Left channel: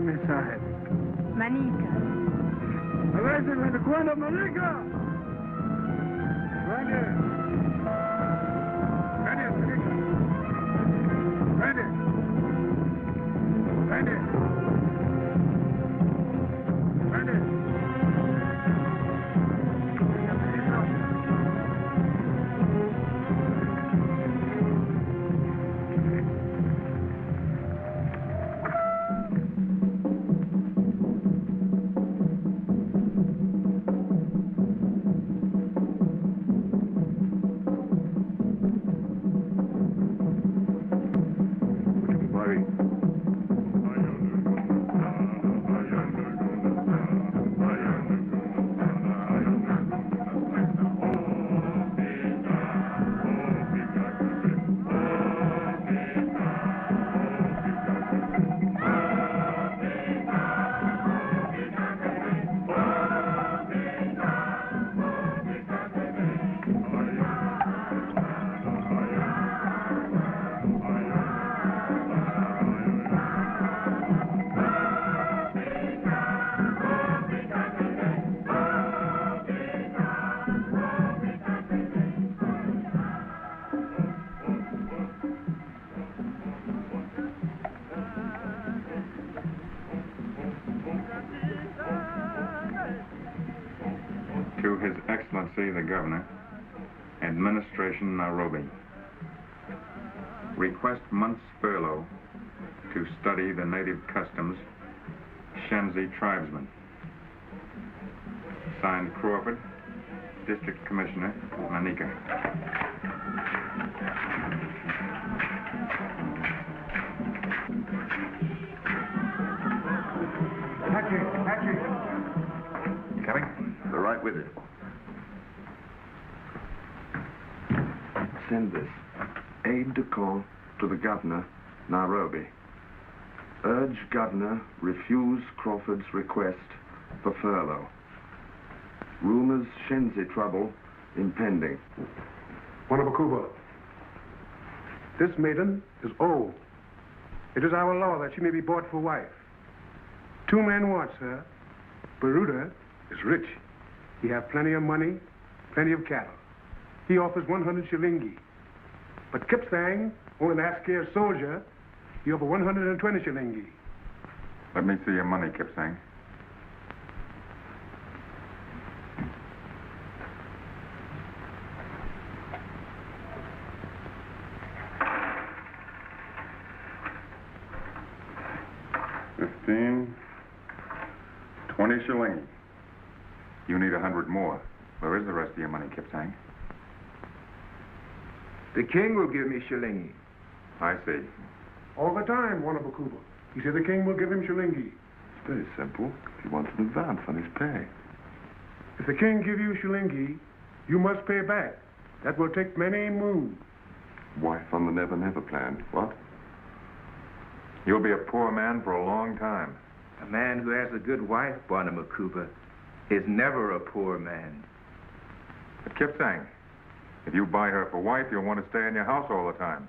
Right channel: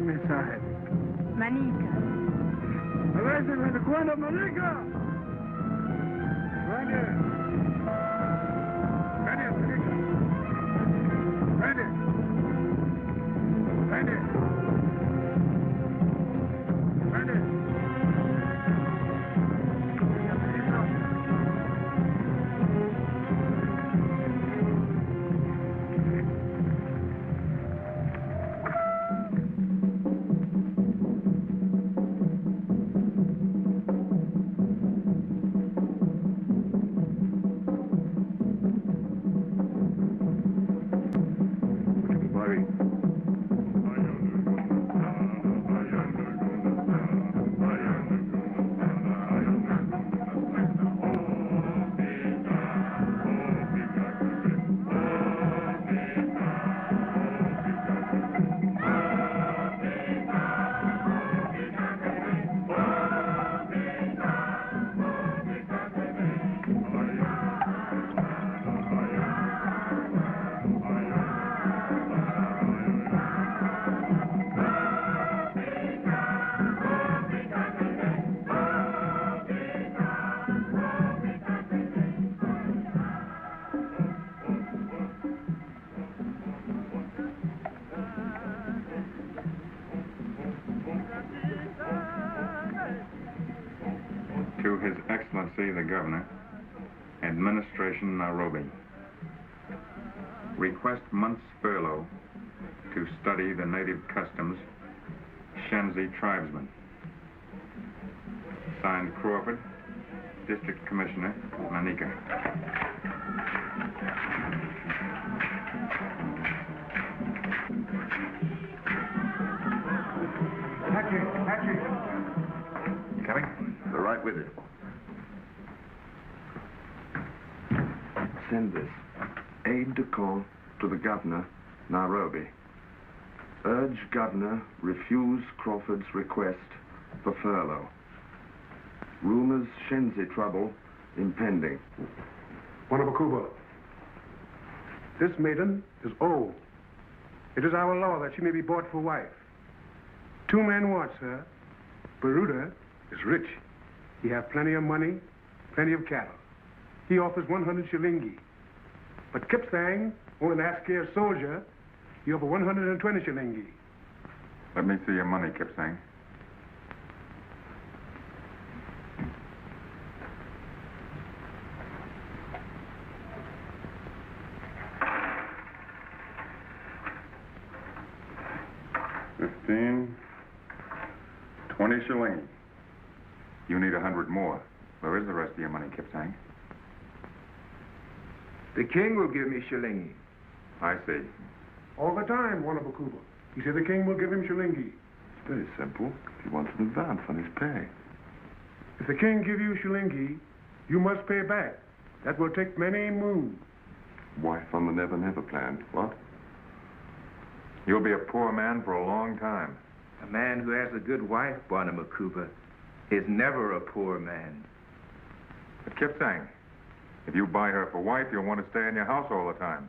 mensaje. Manica. A veces me recuerda Manica. Vaya. Vaya, Manica. Vaya. Vaya. Vaya. To His Excellency the Governor, Administration Nairobi. Request month's furlough to study the native customs, Shenzi tribesmen. Signed Crawford, District Commissioner, Manica. You coming? They're right with you. Send this. Aide de camp to the governor, Nairobi. Urge governor refuse Crawford's request for furlough. Rumors Shenzi trouble impending. Wanabakuba, this maiden is old. It is our law that she may be bought for wife. 2 men want her. Baruda is rich. He has plenty of money, plenty of cattle. He offers 100 shilingi. But Kipsang, only an Askari soldier, he offers 120 shilingi. Let me see your money, Kipsang. $15, 20 shillings. You need 100 more. Where is the rest of your money, Kipsang? The king will give me shilingi. I see. All the time, Wanabakuba. He said the king will give him shilingi. It's very simple. He wants an advance on his pay. If the king give you shilingi, you must pay back. That will take many moons. Wife on the Never Never plan. What? You'll be a poor man for a long time. A man who has a good wife, Wanabakuba, is never a poor man. But Kipsang, if you buy her for wife, you'll want to stay in your house all the time.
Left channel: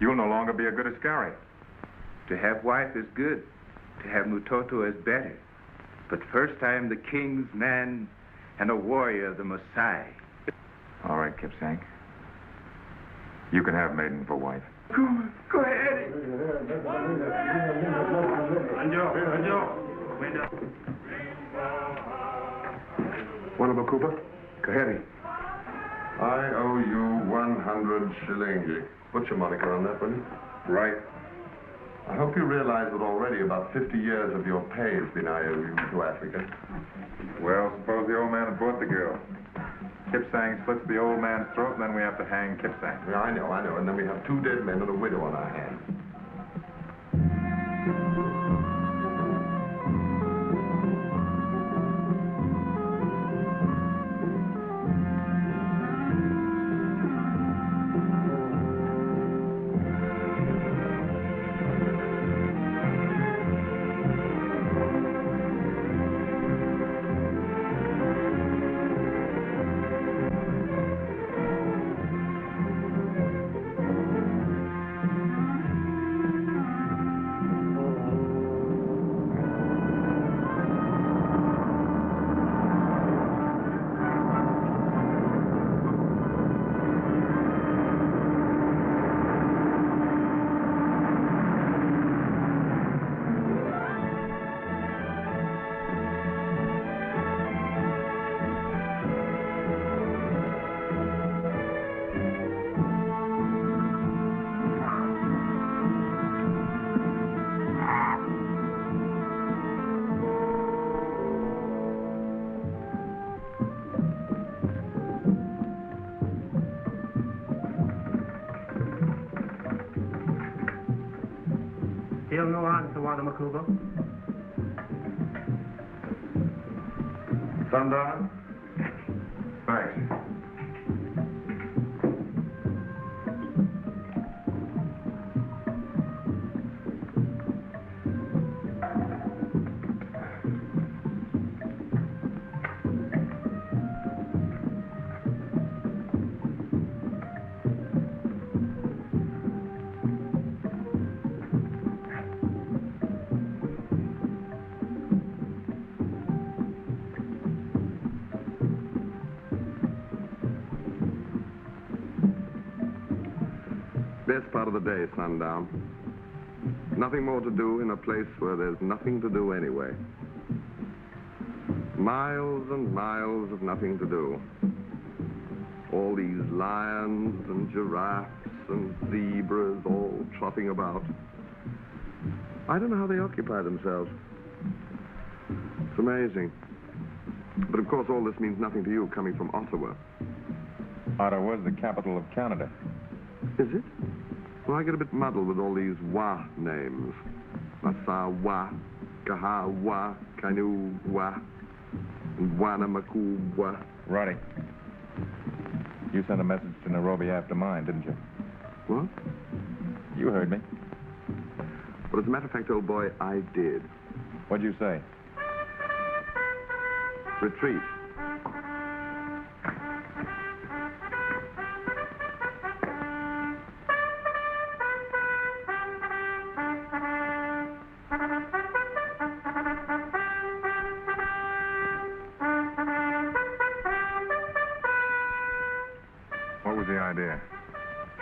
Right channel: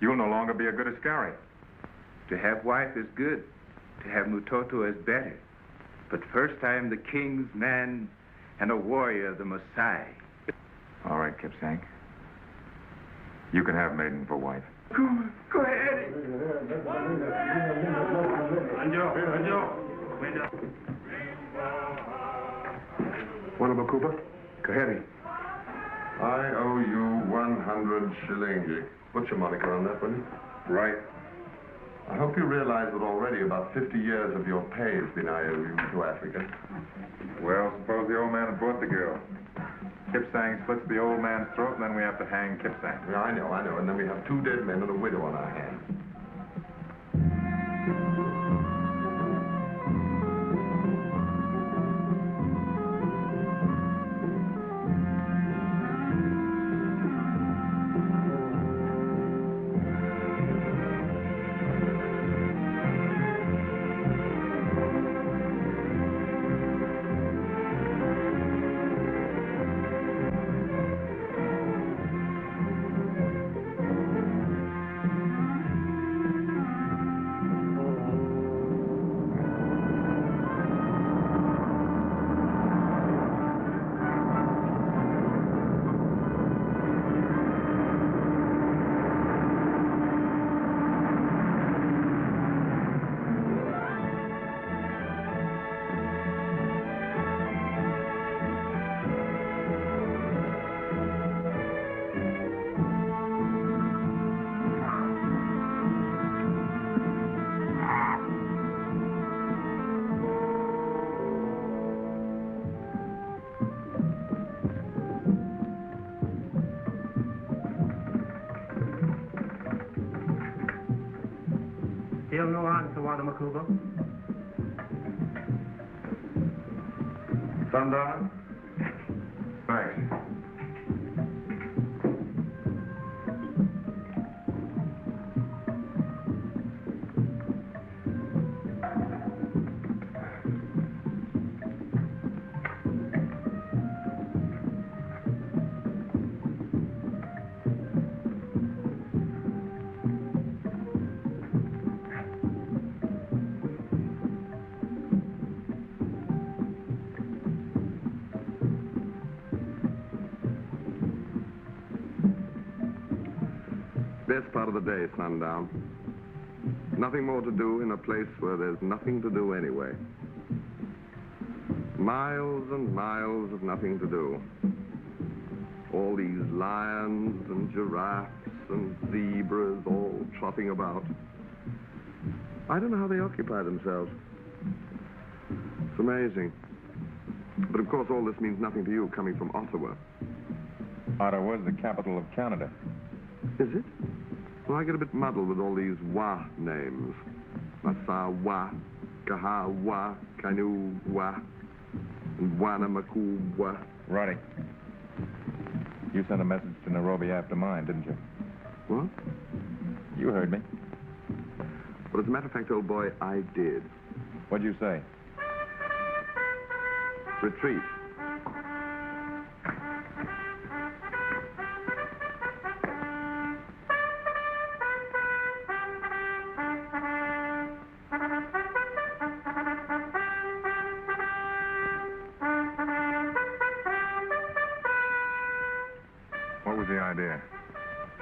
You'll no longer be a good Askari. To have wife is good. To have Mutoto is better. But first I am the king's man and a warrior, the Maasai. All right, Kipsang. You can have maiden for wife. Go ahead. Wanabakuba, Kaheri. I owe you 100 shilingi. What's your moniker on that, buddy? Right. I hope you realize that already about 50 years of your pay has been IOU to Africa. Well, suppose the old man had bought the girl. Kipsang splits the old man's throat, and then we have to hang Kipsang. Yeah, I know. And then we have 2 dead men and a widow on our hands. Still no answer, Wanabakuba. Sundown? Thanks. Best part of the day, Sundown. Nothing more to do in a place where there's nothing to do anyway. Miles and miles of nothing to do. All these lions and giraffes and zebras all trotting about. I don't know how they occupy themselves. It's amazing. But of course all this means nothing to you coming from Ottawa. Ottawa's the capital of Canada. Is it? Well, I get a bit muddled with all these Wa names. Masawa, Kahawa, Kanuwa, and Wanamakuwa. Righty. You sent a message to Nairobi after mine, didn't you? What? You heard me. Well, as a matter of fact, old boy, I did. What'd you say? Retreat. What was the idea?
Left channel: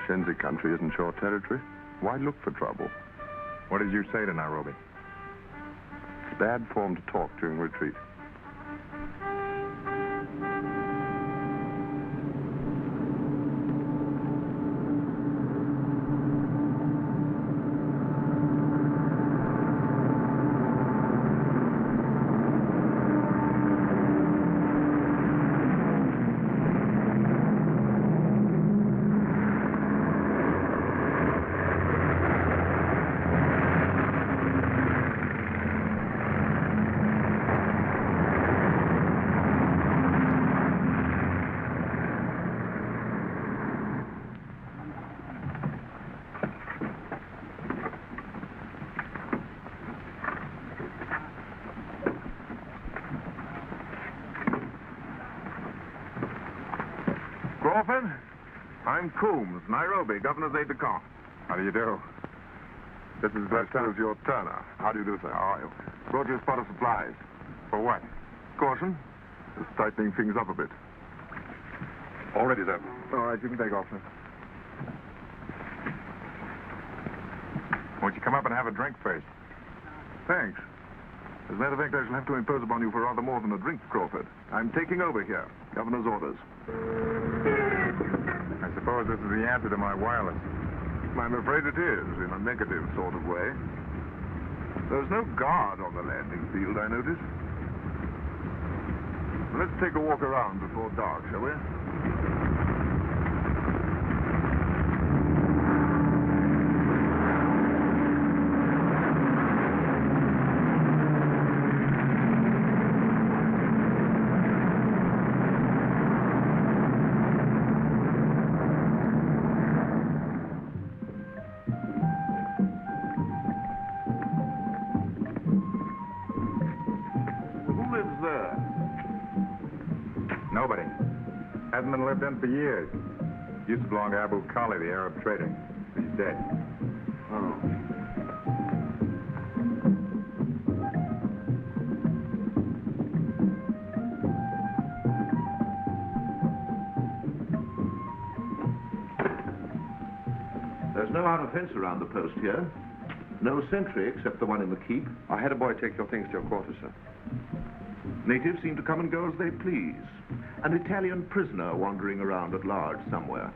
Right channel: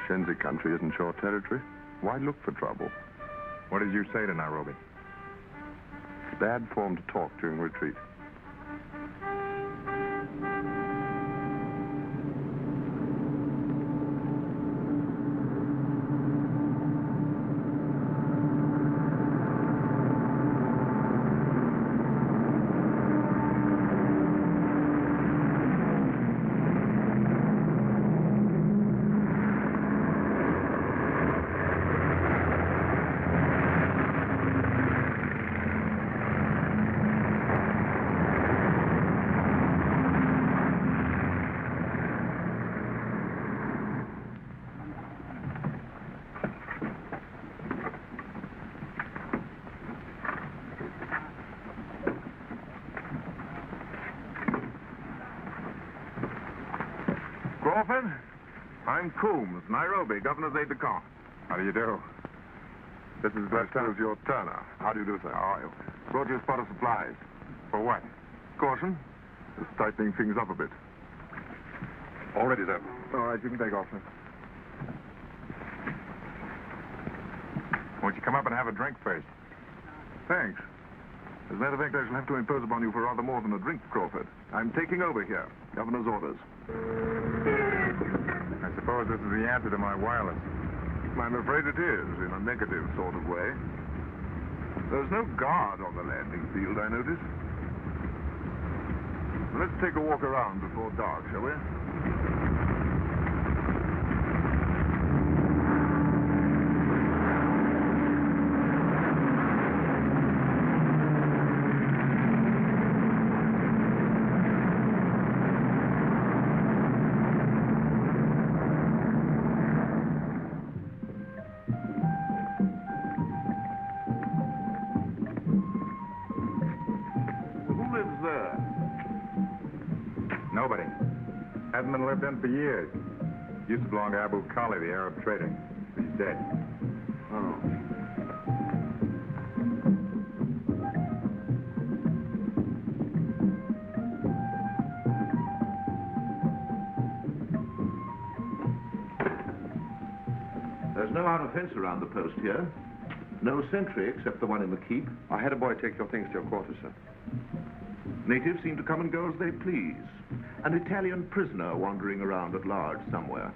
Shenzi country isn't your territory. Why look for trouble? What did you say to Nairobi? It's bad form to talk during retreat. Crawford, I'm Coombs, Nairobi, Governor's aide-de-camp. How do you do? This is Lieutenant your Turner. How do you do, sir? How are you? Brought you a spot of supplies. For what? Caution. Just tightening things up a bit. All ready, sir. All right, you can take off, sir. Won't you come up and have a drink first? Thanks. As a matter of fact, I shall have to impose upon you for rather more than a drink, Crawford. I'm taking over here. Governor's orders. I suppose this is the answer to my wireless. I'm afraid it is, in a negative sort of way. There's no guard on the landing field, I notice. Let's take a walk around before dark, shall we? Nobody. Hadn't been lived in for years. Used to belong to Abu Khali, the Arab trader. He's dead. Oh. There's no outer fence around the post here. No sentry except the one in the keep. I had a boy take your things to your quarters, sir. Natives seem to come and go as they please. An Italian prisoner wandering around at large somewhere.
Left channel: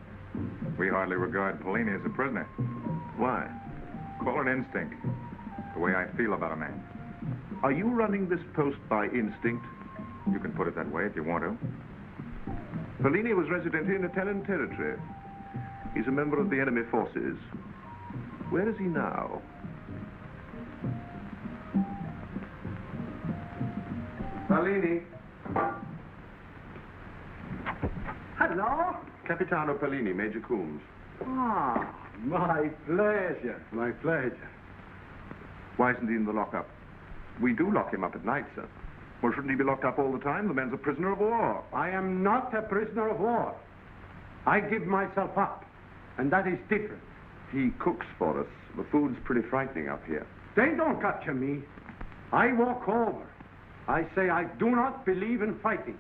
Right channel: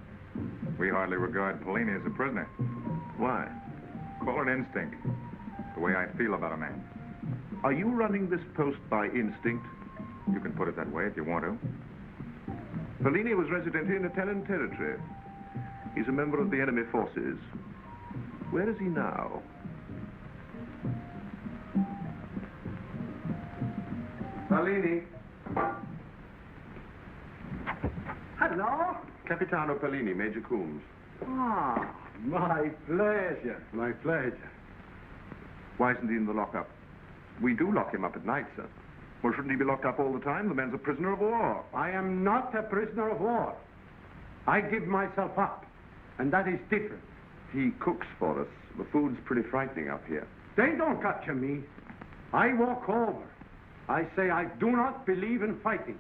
We hardly regard Polini as a prisoner. Why? Call it instinct. The way I feel about a man. Are you running this post by instinct? You can put it that way if you want to. Polini was resident in Italian territory. He's a member of the enemy forces. Where is he now? Polini. Hello? Capitano Polini, Major Coombs. Ah, my pleasure. My pleasure. Why isn't he in the lockup? We do lock him up at night, sir. Well, shouldn't he be locked up all the time? The man's a prisoner of war. I am not a prisoner of war. I give myself up, and that is different. He cooks for us. The food's pretty frightening up here. They don't capture me. I walk over. I say I do not believe in fighting.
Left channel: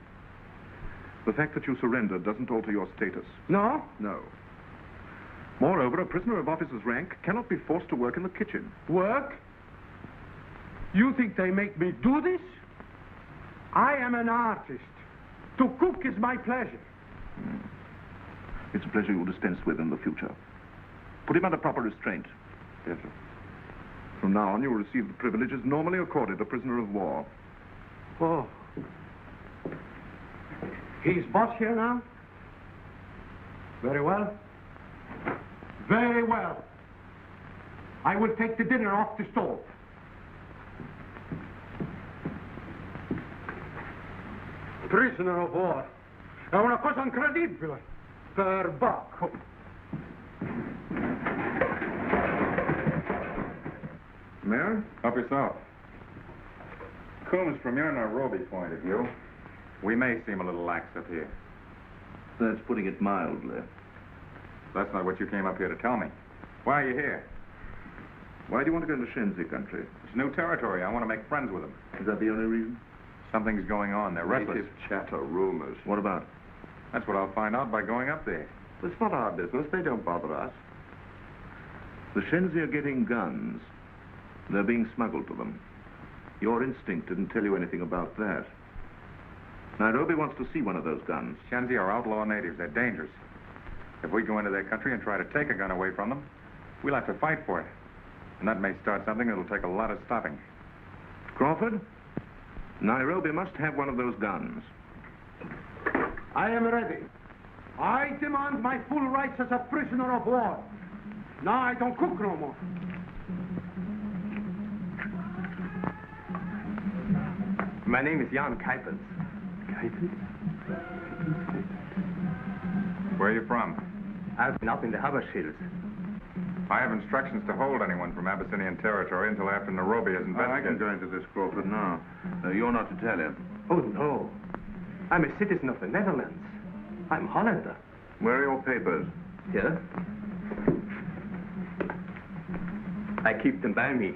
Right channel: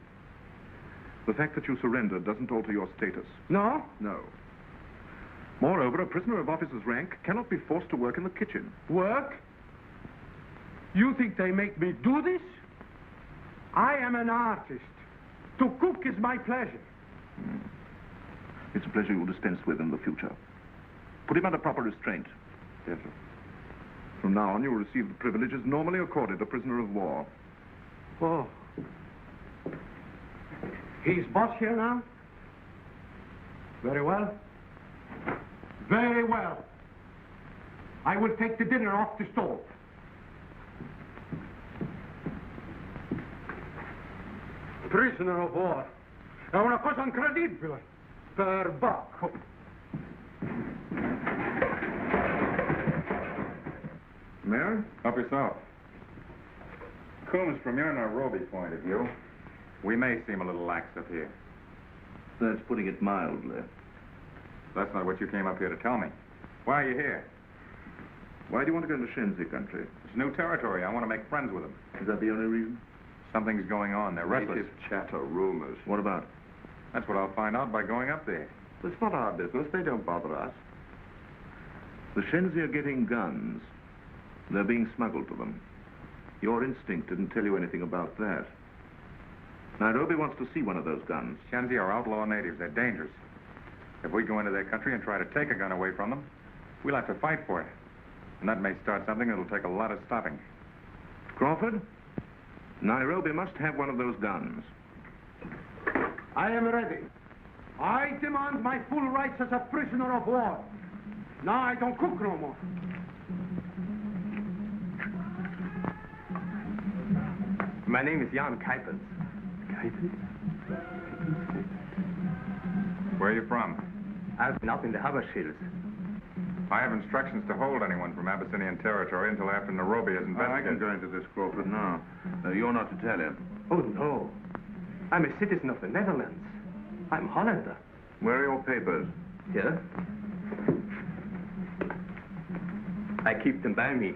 The fact that you surrendered doesn't alter your status. No? No. Moreover, a prisoner of officer's rank cannot be forced to work in the kitchen. Work? You think they make me do this? I am an artist. To cook is my pleasure. It's a pleasure you'll dispense with in the future. Put him under proper restraint. Yes, sir. From now on, you will receive the privileges normally accorded a prisoner of war. Oh. He's boss here now? Very well. Very well. I will take the dinner off the stove. Prisoner of war. È una cosa incredibile. Perbacco. Mayor, help yourself. Coombs, from your Nairobi point of view, we may seem a little lax up here. That's putting it mildly. That's not what you came up here to tell me. Why are you here? Why do you want to go to Shenzi country? It's new territory. I want to make friends with them. Is that the only reason? Something's going on. They're restless. Native chatter, rumors. What about? That's what I'll find out by going up there. It's not our business. They don't bother us. The Shenzi are getting guns. They're being smuggled to them. Your instinct didn't tell you anything about that. Nairobi wants to see one of those guns. Shenzi are outlaw natives. They're dangerous. If we go into their country and try to take a gun away from them, we'll have to fight for it. And that may start something that'll take a lot of stopping. Crawford, Nairobi must have one of those guns. I am ready. I demand my full rights as a prisoner of war. Now I don't cook no more. My name is Jan Cabot. Cabot? Where are you from? I've been up in the Habash Hills. I have instructions to hold anyone from Abyssinian territory until after Nairobi is I can investigated. go into this, Crawford, now. You're not Italian. Oh, no. I'm a citizen of the Netherlands. I'm Hollander. Where are your papers? Here? I keep them by me.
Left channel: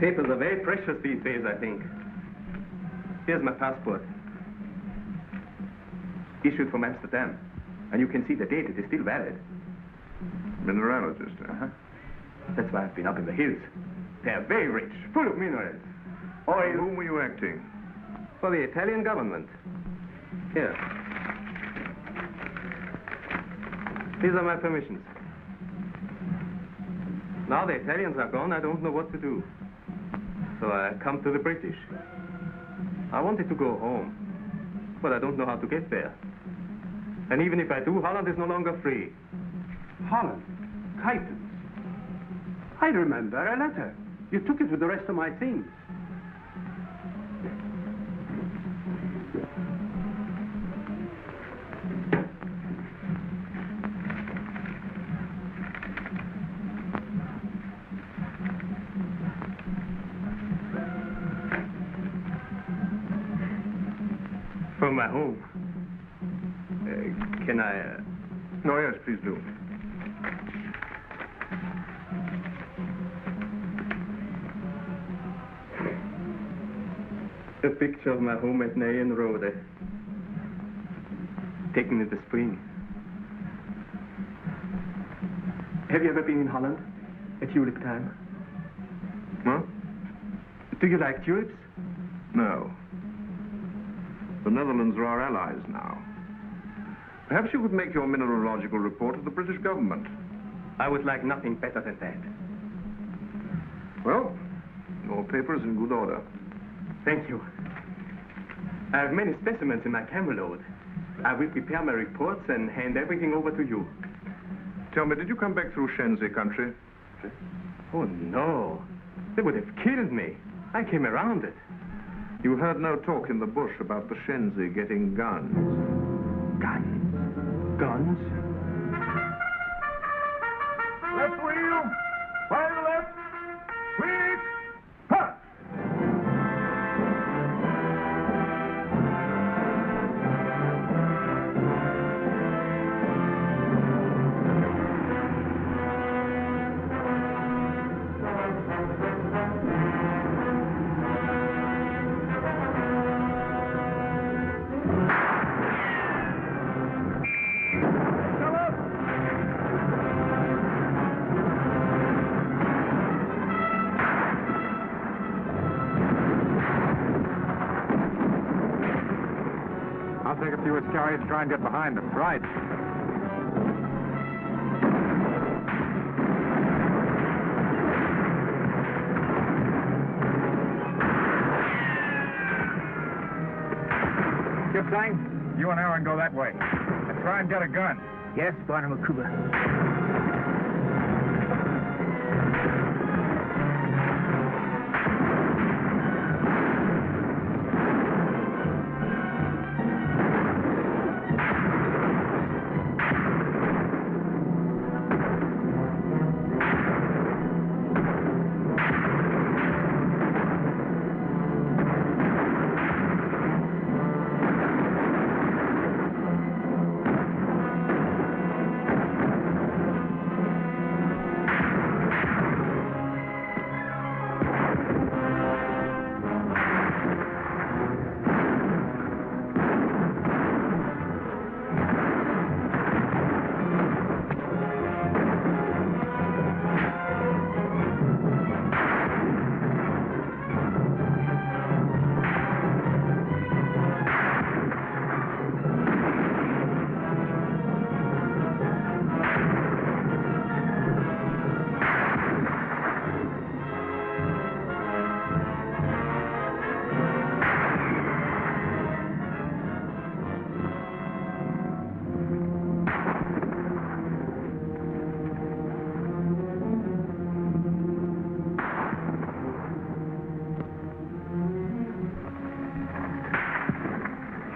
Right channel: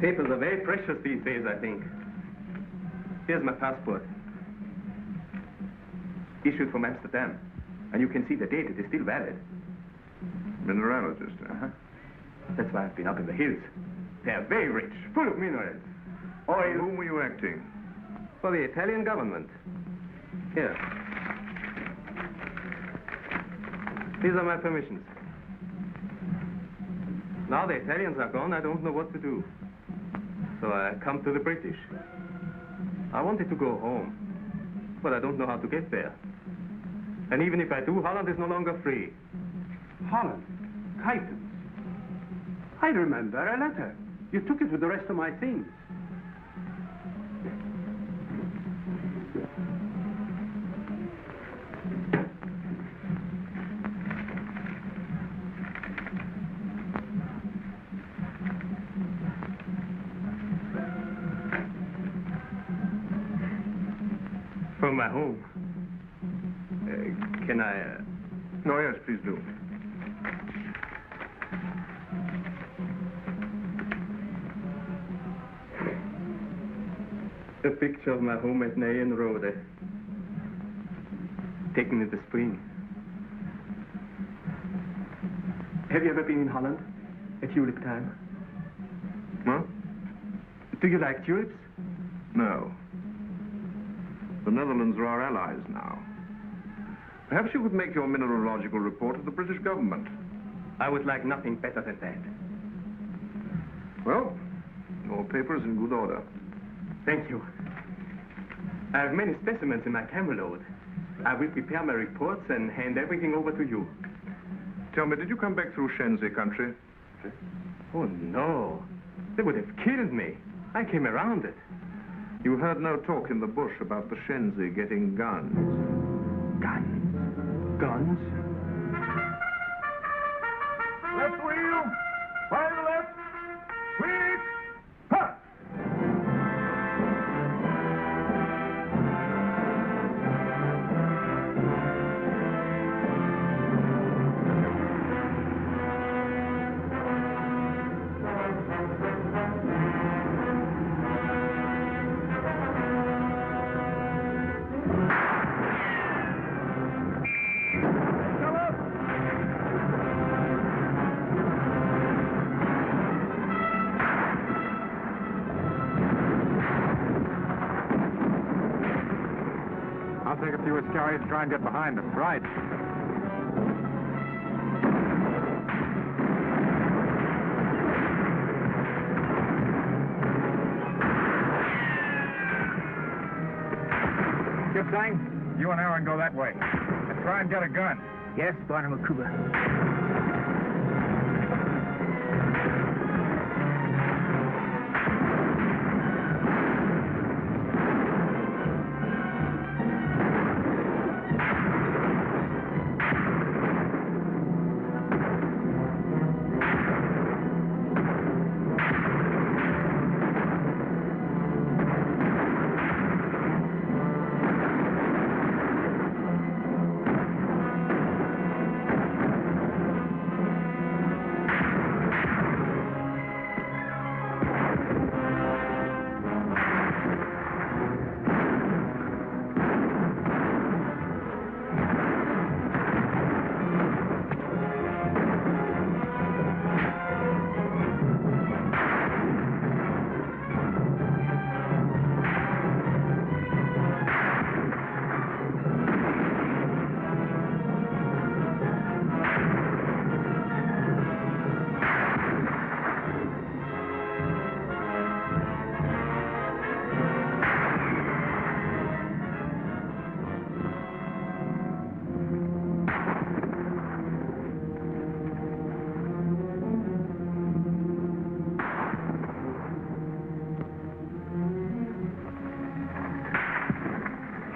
Papers are very precious these days, I think. Here's my passport. Issued from Amsterdam. And you can see the date. It is still valid. Mineralogist, huh? That's why I've been up in the hills. They're very rich, full of minerals. For whom were you acting? For the Italian government. Here. These are my permissions. Now the Italians are gone, I don't know what to do. So I come to the British. I wanted to go home, but I don't know how to get there. And even if I do, Holland is no longer free. Holland? Titans? I remember a letter. You took it with the rest of my things. For my home. Can I... Oh, yes, please do. A picture of my home at Nayan Road. Taken in the spring. Have you ever been in Holland? At tulip time? What? Do you like tulips? No. The Netherlands are our allies now. Perhaps you could make your mineralogical report to the British government. I would like nothing better than that. Well, your paper is in good order. Thank you. I have many specimens in my camera load. I will prepare my reports and hand everything over to you. Tell me, did you come back through Shenzi country? Oh, no. They would have killed me. I came around it. You heard no talk in the bush about the Shenzi getting guns. Guns? Guns? Left wheel! Fire left! Quick! Cut! I'll take a few Iscariot to try and get behind them. Right. a gun? Yes, Barnamakuba.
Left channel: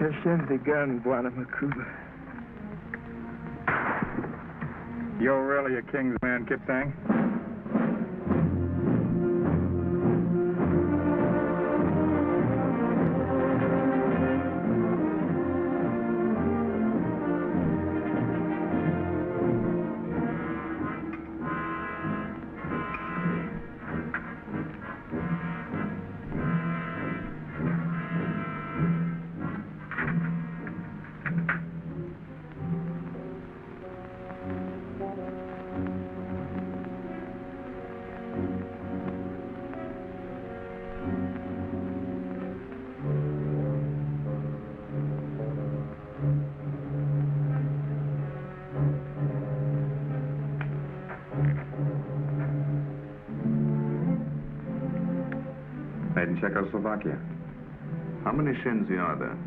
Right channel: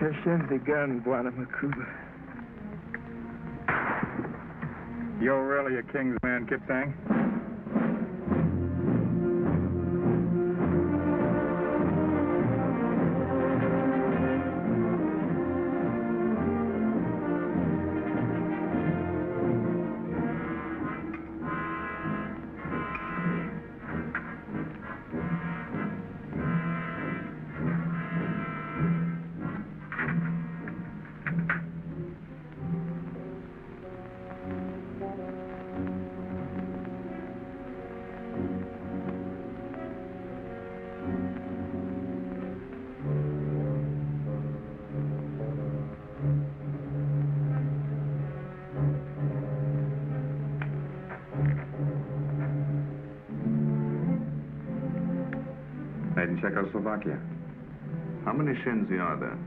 Hashem begun, Barnamakuba. You're really a king's man, Kipsang? Made in Czechoslovakia. How many Shenzi are there?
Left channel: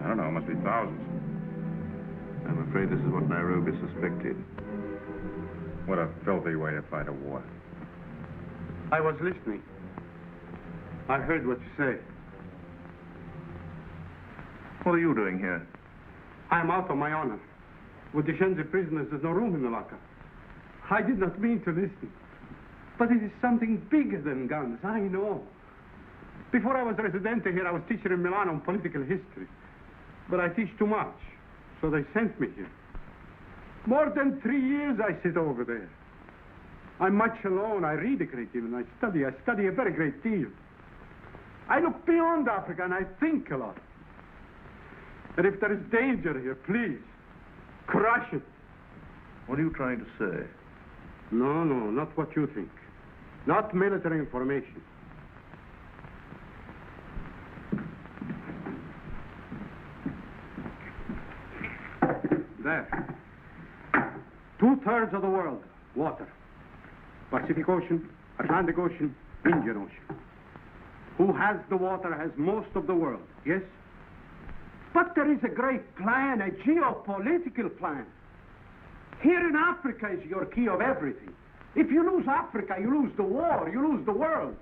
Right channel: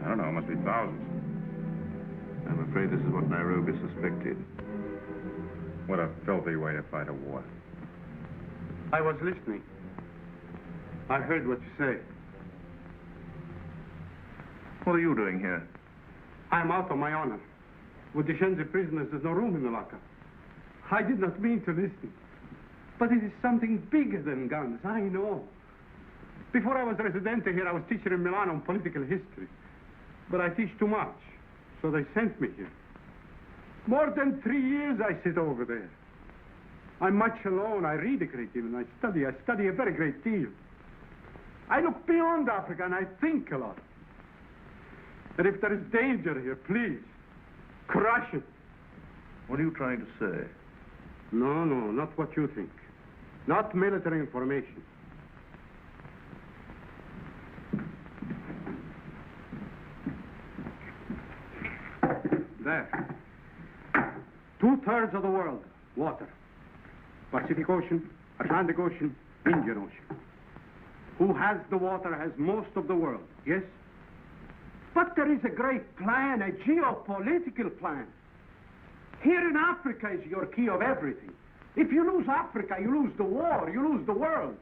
I don't know, must be thousands. I'm afraid this is what Nairobi suspected. What a filthy way to fight a war. I was listening. I heard what you say. What are you doing here? I'm out of my honor. With the Shenzi prisoners, there's no room in the locker. I did not mean to listen. But it is something bigger than guns, I know. Before I was residente here, I was teacher in Milan on political history. But I teach too much, so they sent me here. More than 3 years I sit over there. I'm much alone. I read a great deal, and I study a very great deal. I look beyond Africa, and I think a lot. And if there is danger here, please, crush it. What are you trying to say? No, not what you think. Not military information. There. 2/3 of the world, water. Pacific Ocean, Atlantic Ocean, Indian Ocean. Who has the water has most of the world, yes? But there is a great plan, a geopolitical plan. Here in Africa is your key of everything. If you lose Africa, you lose the war, you lose the world.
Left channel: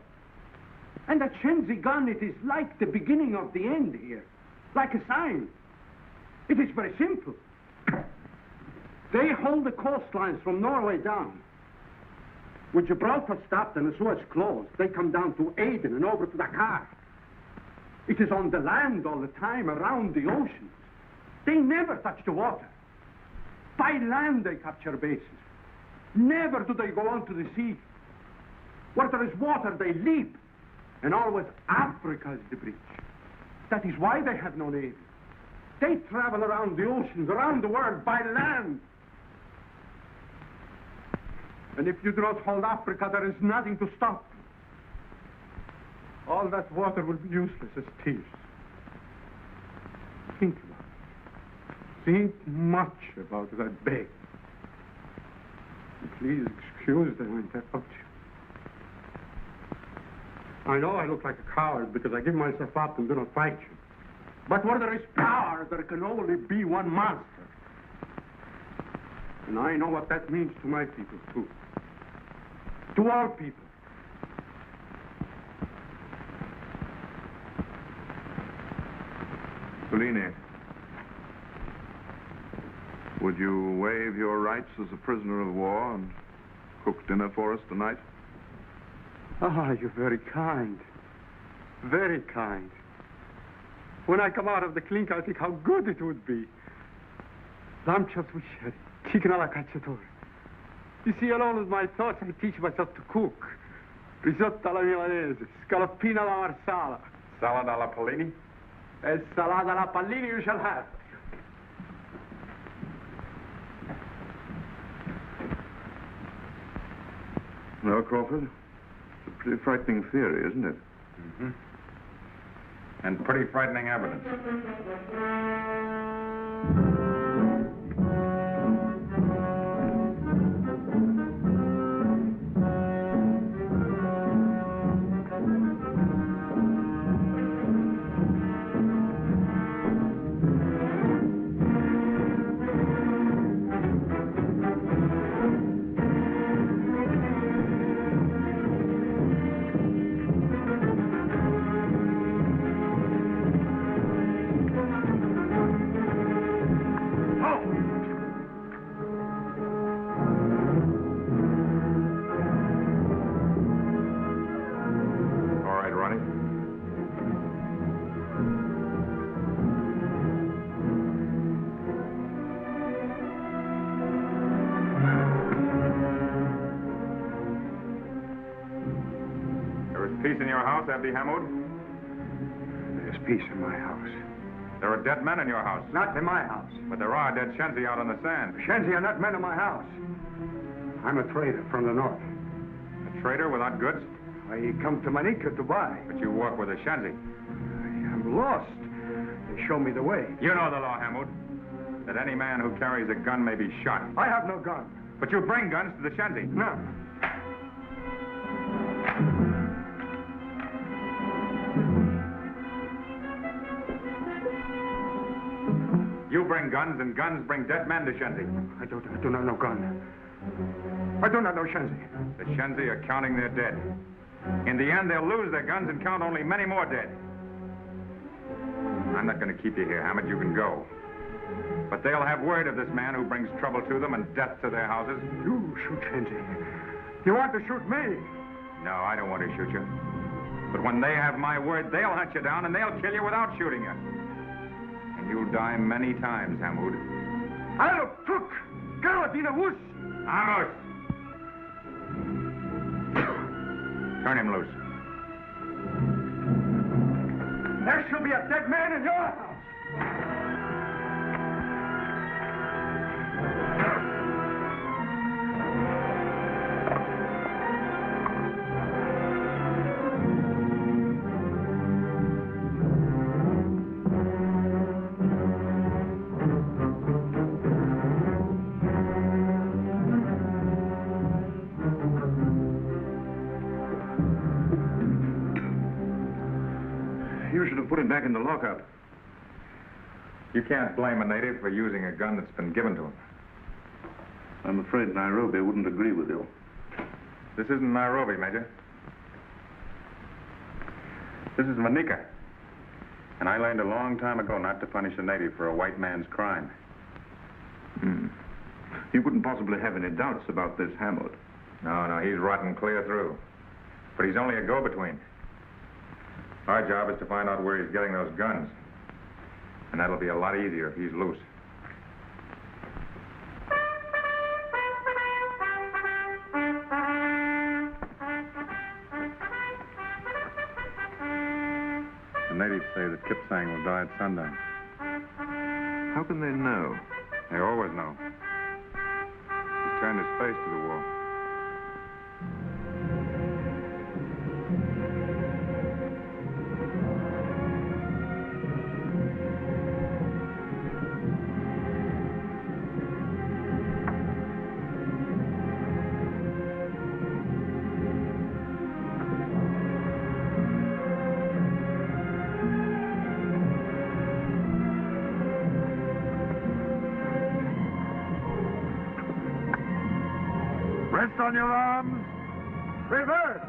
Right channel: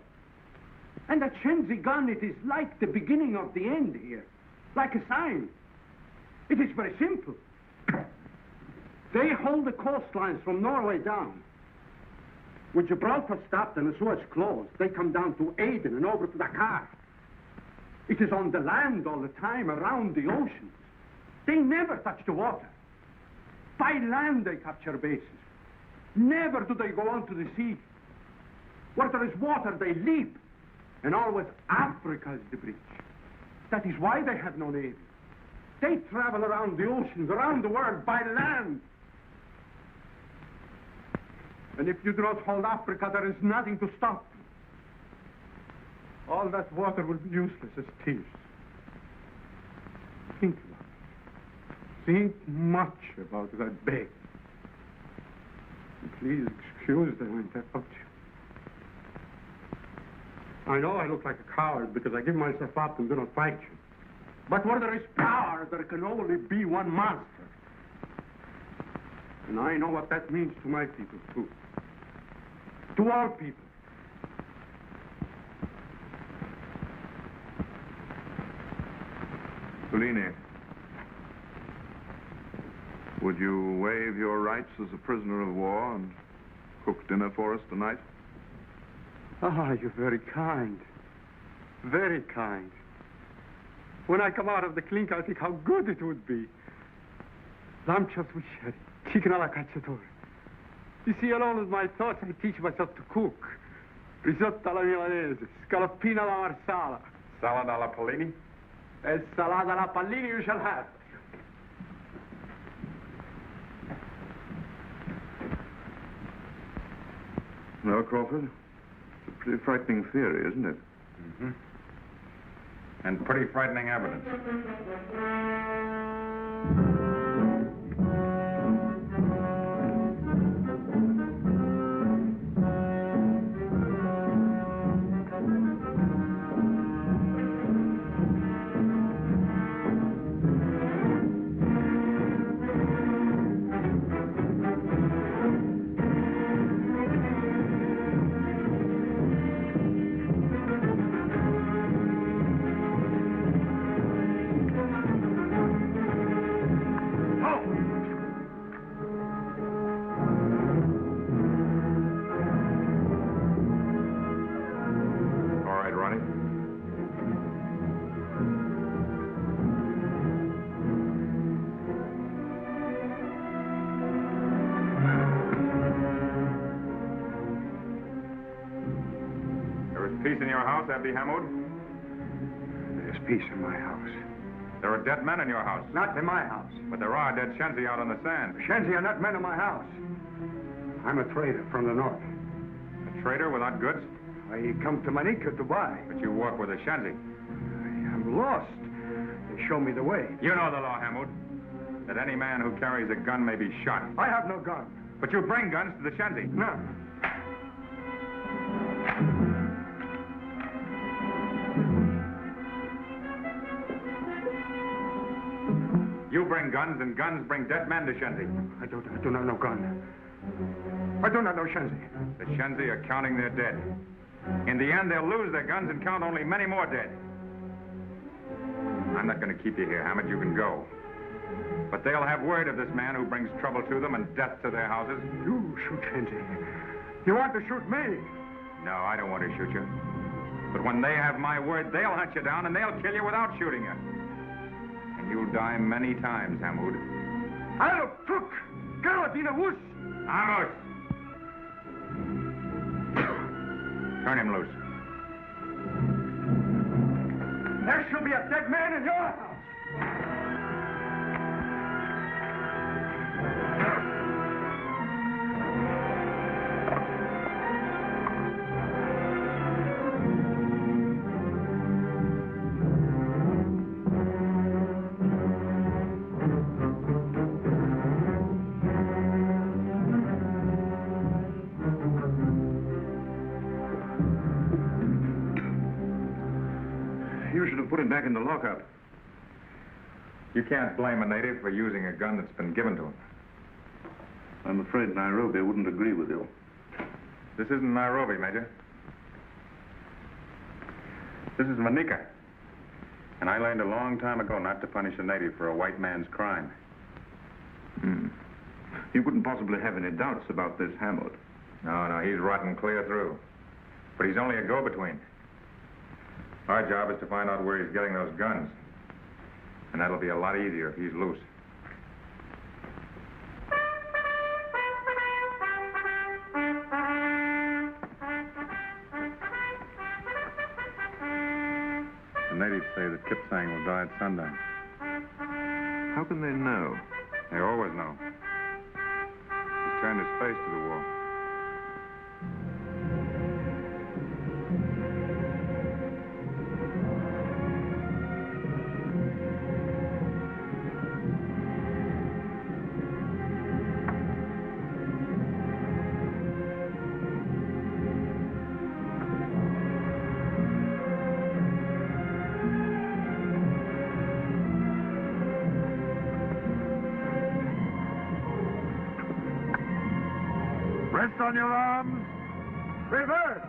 And at Shenzi gun, it is like the beginning of the end here, like a sign. It is very simple. They hold the coastlines from Norway down. With Gibraltar stopped and the Suez closed, they come down to Aden and over to Dakar. It is on the land all the time, around the ocean. They never touch the water. By land they capture bases. Never do they go onto the sea. Where there is water, they leap. And always Africa is the breach. That is why they have no navy. They travel around the oceans, around the world, by land. And if you do not hold Africa, there is nothing to stop. All that water will be useless as tears. Think about it. Think much about that bay. Please excuse the way I touch you. I know I look like a coward because I give myself up and do not fight you. But where there is power, there can only be one master. And I know what that means to my people, too. To all people. Serene, would you waive your rights as a prisoner of war and cook dinner for us tonight? Ah, you're very kind. Very kind. When I come out of the clink, I'll think how good it would be. Lamb chops with sherry, chicken alla cacciatore. You see, along with my thoughts, I teach myself to cook. Risotto alla milanese, scaloppino alla marsala. Salad alla Polini? E salata alla pallini you shall have. Well, Crawford, it's a pretty frightening theory, isn't it? Mm-hmm. And pretty frightening evidence. Peace in your house, Abdi Hamoud? There's peace in my house. There are dead men in your house. Not in my house. But there are dead Shenzi out on the sand. Shenzi are not men in my house. I'm a trader from the north. A trader without goods? I come to Manica to buy. But you work with a Shenzi. I am lost. They show me the way. You know the law, Hamoud. That any man who carries a gun may be shot. I have no gun. But you bring guns to the Shenzi. None. You bring guns, and guns bring dead men to Shenzi. I do not know gun. I do not know Shenzi. The Shenzi are counting their dead. In the end, they'll lose their guns and count only many more dead. I'm not going to keep you here, Hammond. You can go. But they'll have word of this man who brings trouble to them and death to their houses. You shoot Shenzi. You want to shoot me? No, I don't want to shoot you. But when they have my word, they'll hunt you down and they'll kill you without shooting you. And you'll die many times, Hamoud. I'll cook! Galadina Wuss! Amos! Turn him loose. There shall be a dead man in your house! Put him back in the lockup. You can't blame a native for using a gun that's been given to him. I'm afraid Nairobi wouldn't agree with you. This isn't Nairobi, Major. This is Manica. And I learned a long time ago not to punish a native for a white man's crime. He wouldn't possibly have any doubts about this Hammond. No, he's rotten clear through. But he's only a go-between. Our job is to find out where he's getting those guns. And that'll be a lot easier if he's loose. The natives say that Kipsang will die at sundown. How can they know? They always know. He's turned his face to the war. Rest on your arms. Reverse.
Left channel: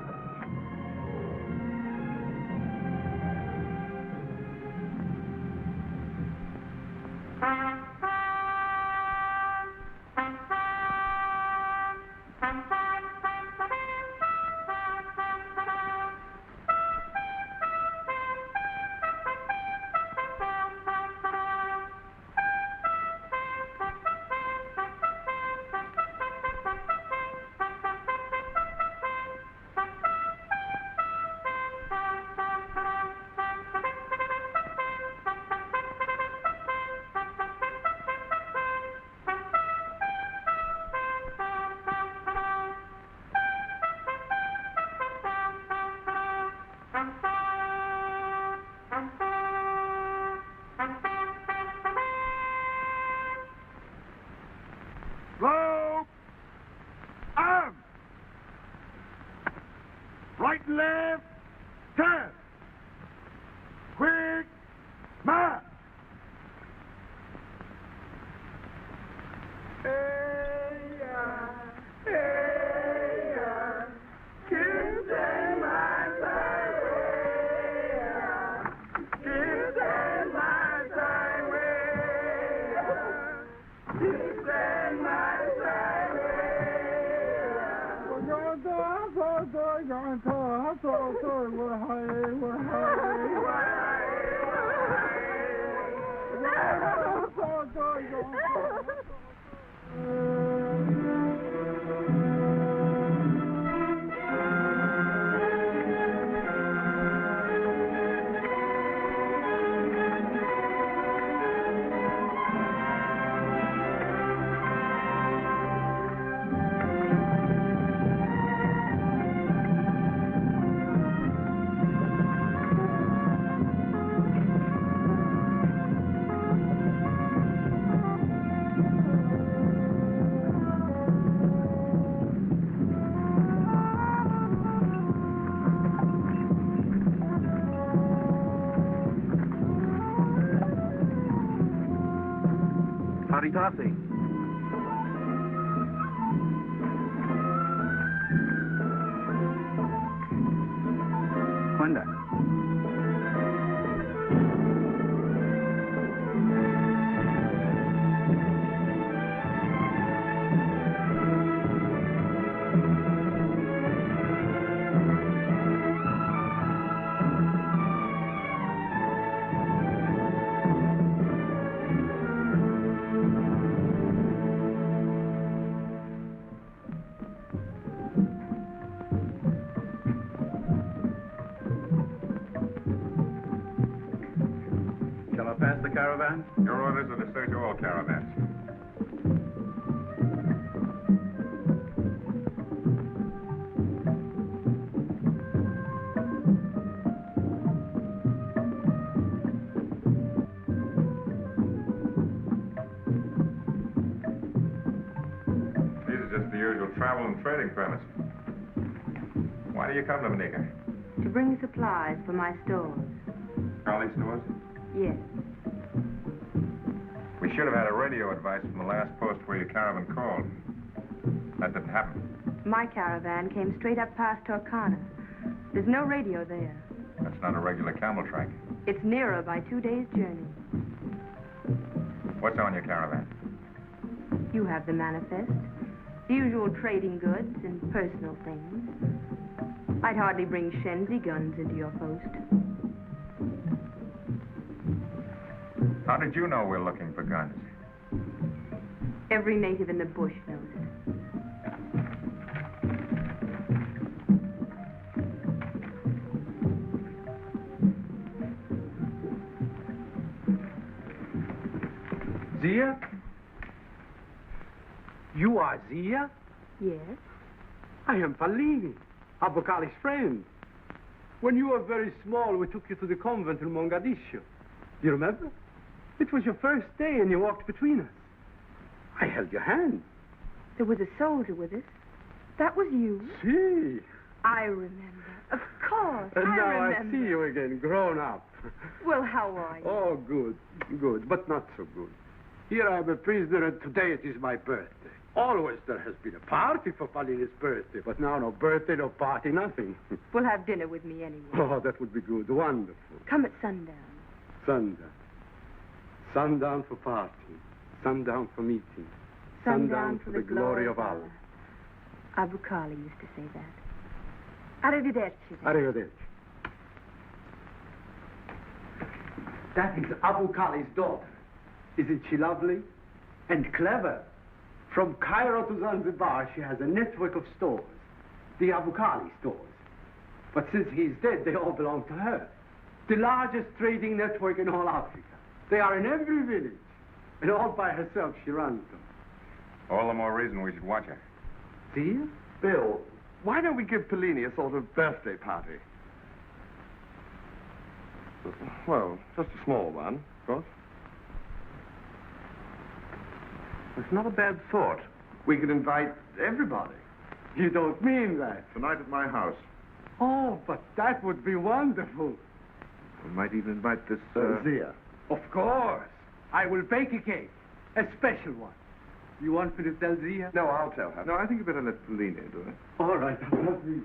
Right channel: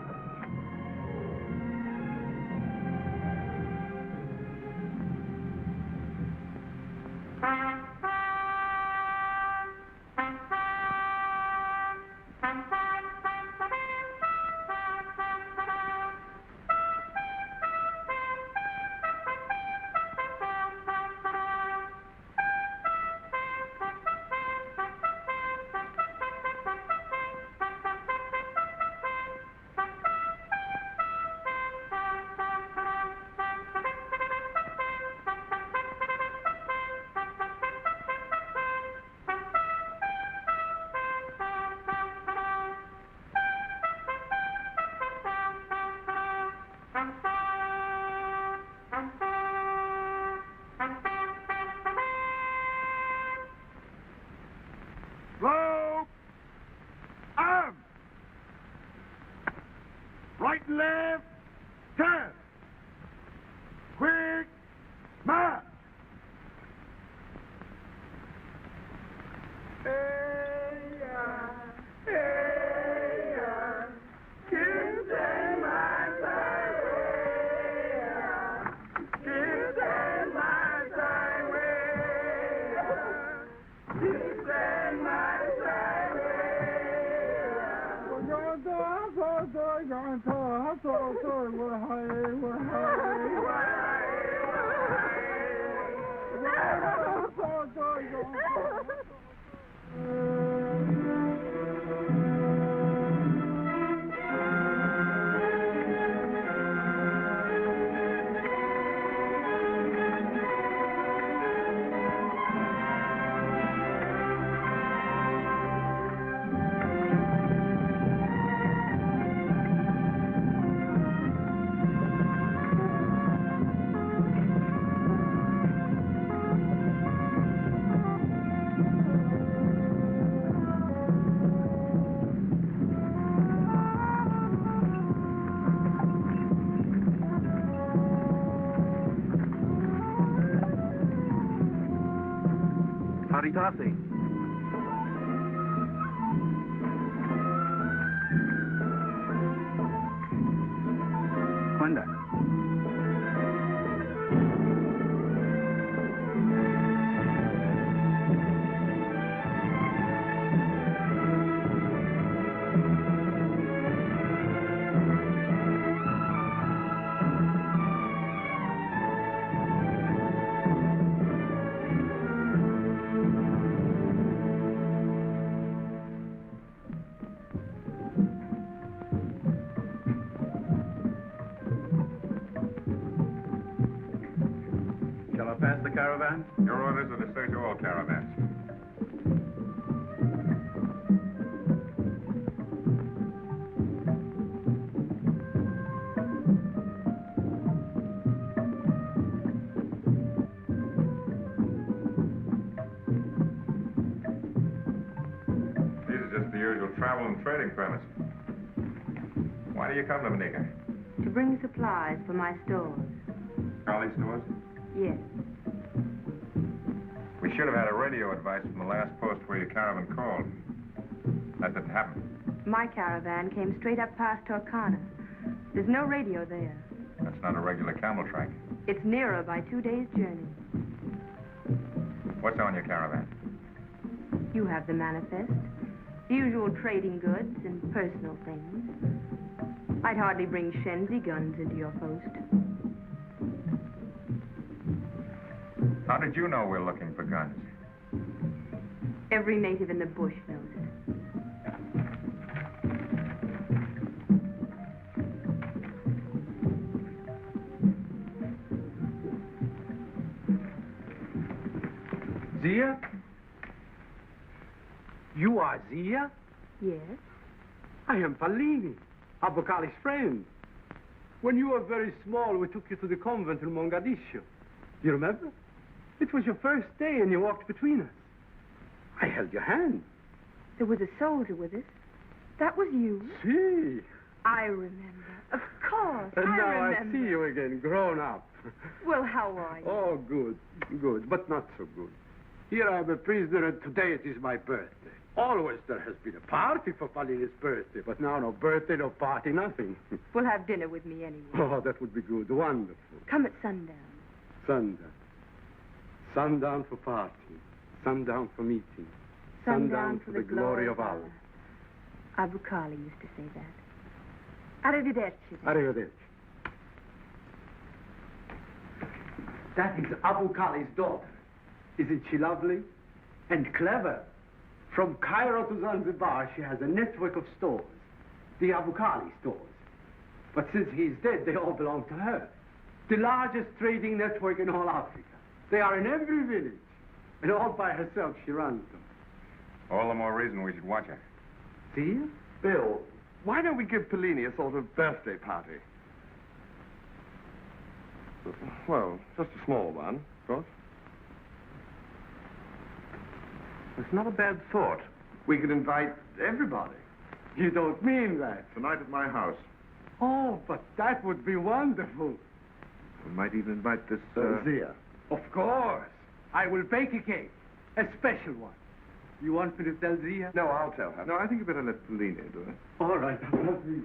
Slow. Arm. Right, left. Turn. Quick. March. Howdy, Topsy. Wanda. Pass the caravan? Your orders are to search all caravans. These are just the usual travel and trading permits. Why do you come to Manica? To bring supplies for my stores. Charlie stores? Yes. We should have had a radio advice from the last post where your caravan called. That didn't happen. My caravan came straight up past Torcana. There's no radio there. That's not a regular camel track. It's nearer by 2 days' journey. What's on your caravan? You have the manifest. The usual trading goods and personal things. I'd hardly bring Shenzi guns into your post. How did you know we're looking for guns? Every native in the bush knows it. Zia? You are Zia? Yes? I am Fallini, Abokali's friend. When you were very small, we took you to the convent in Mogadishu. You remember? It was your first day and you walked between us. I held your hand. There was a soldier with us. That was you. See? I remember. Of course, And I now remember. I see you again, grown up. Well, how are you? Oh, good, but not so good. Here I am a prisoner and today it is my birthday. Always there has been a party for Pauline's birthday, but now no birthday, no party, nothing. We'll have dinner with me anyway. Oh, that would be good. Wonderful. Come at sundown. Sundown. Sundown for party. Sundown for meeting. Sundown for the glory of Allah. Abu-Kali used to say that. Arrivederci. Arrivederci. That is Abu-Kali's daughter. Isn't she lovely? And clever. From Cairo to Zanzibar, she has a network of stores. The Abu-Kali stores. But since he's dead, they all belong to her. The largest trading network in all Africa. They are in every village. And all by herself, she runs them. All the more reason we should watch her. Dear? Bill, why don't we give Pauline a sort of birthday party? Well, just a small one, of course. It's not a bad thought. We could invite everybody. You don't mean that. Tonight at my house. Oh, but that would be wonderful. We might even invite this, Zia. Of course. I will bake a cake. A special one. You want me to tell Zia? No, I'll tell her. No, I think you better let Pauline do it. All right, I'll let Zia.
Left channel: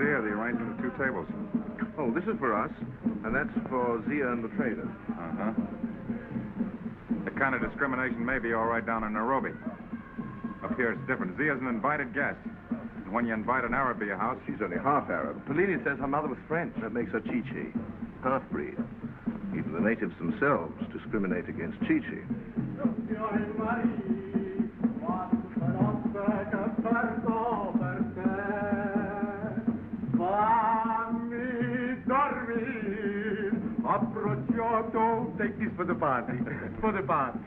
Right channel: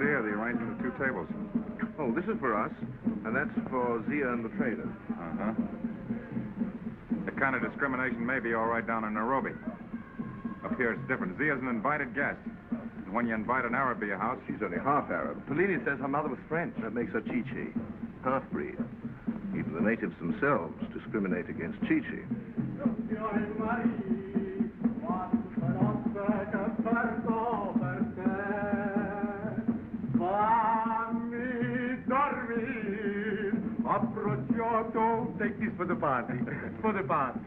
The arrangement of two tables. Oh, this is for us, and that's for Zia and the trader. Uh-huh. That kind of discrimination may be all right down in Nairobi. Up here it's different. Zia's an invited guest. And when you invite an Arab to your house... She's only half Arab. Pauline says her mother was French. That makes her Chi-Chi. Half-breed. Even the natives themselves discriminate against Chi-Chi. Take this for the party. For the party.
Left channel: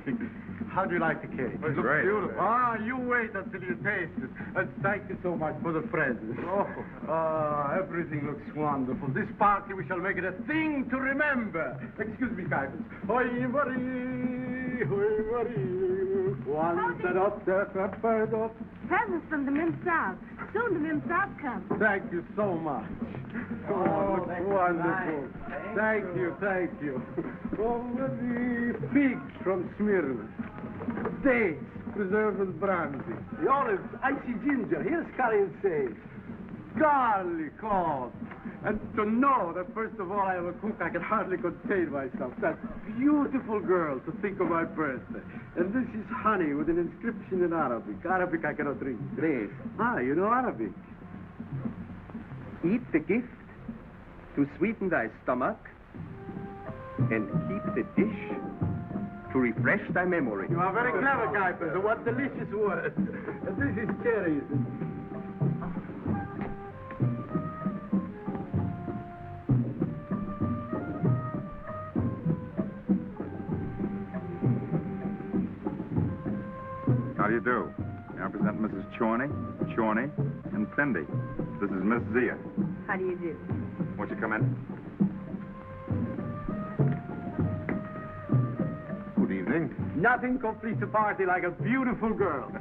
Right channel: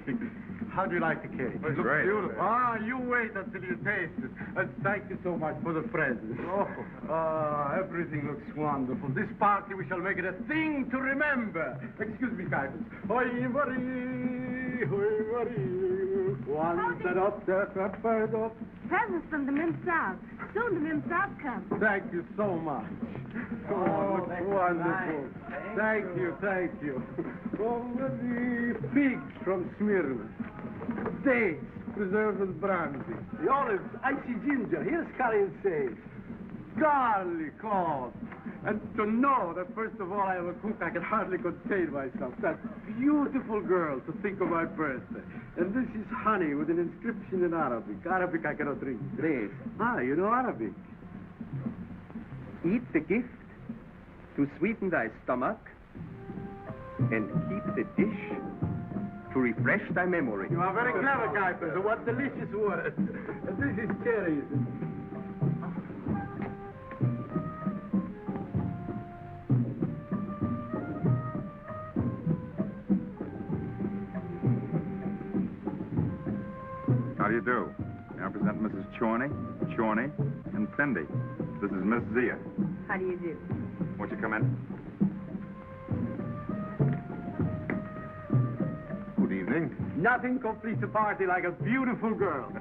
How do you like the cake? It looks beautiful. Ah, you wait until you taste it. And thank you so much for the present. Everything looks wonderful. This party, we shall make it a thing to remember. Excuse me, kindness. Presents from the Mimsab. Soon the Mimsab comes. Thank you so much. Oh, wonderful. Thank you. Oh, the pigs from Smyrna. Dates, preserved and brandy. The olives, icy ginger. Here's curry and sage. Garlic, oh. And to know that, first of all, I am a cook, I can hardly contain myself. That beautiful girl to think of my birthday. And this is honey with an inscription in Arabic. Arabic I cannot read. Grace. Ah, you know Arabic. Eat the gift to sweeten thy stomach, and keep the dish to refresh thy memory. You are very clever, Kuipers. What delicious words. And this is cherries. How do you do? I represent Mrs. Chorney, and Fendi. This is Miss Zia. How do you do? Won't you come in? Good evening. Nothing completes a party like a beautiful girl.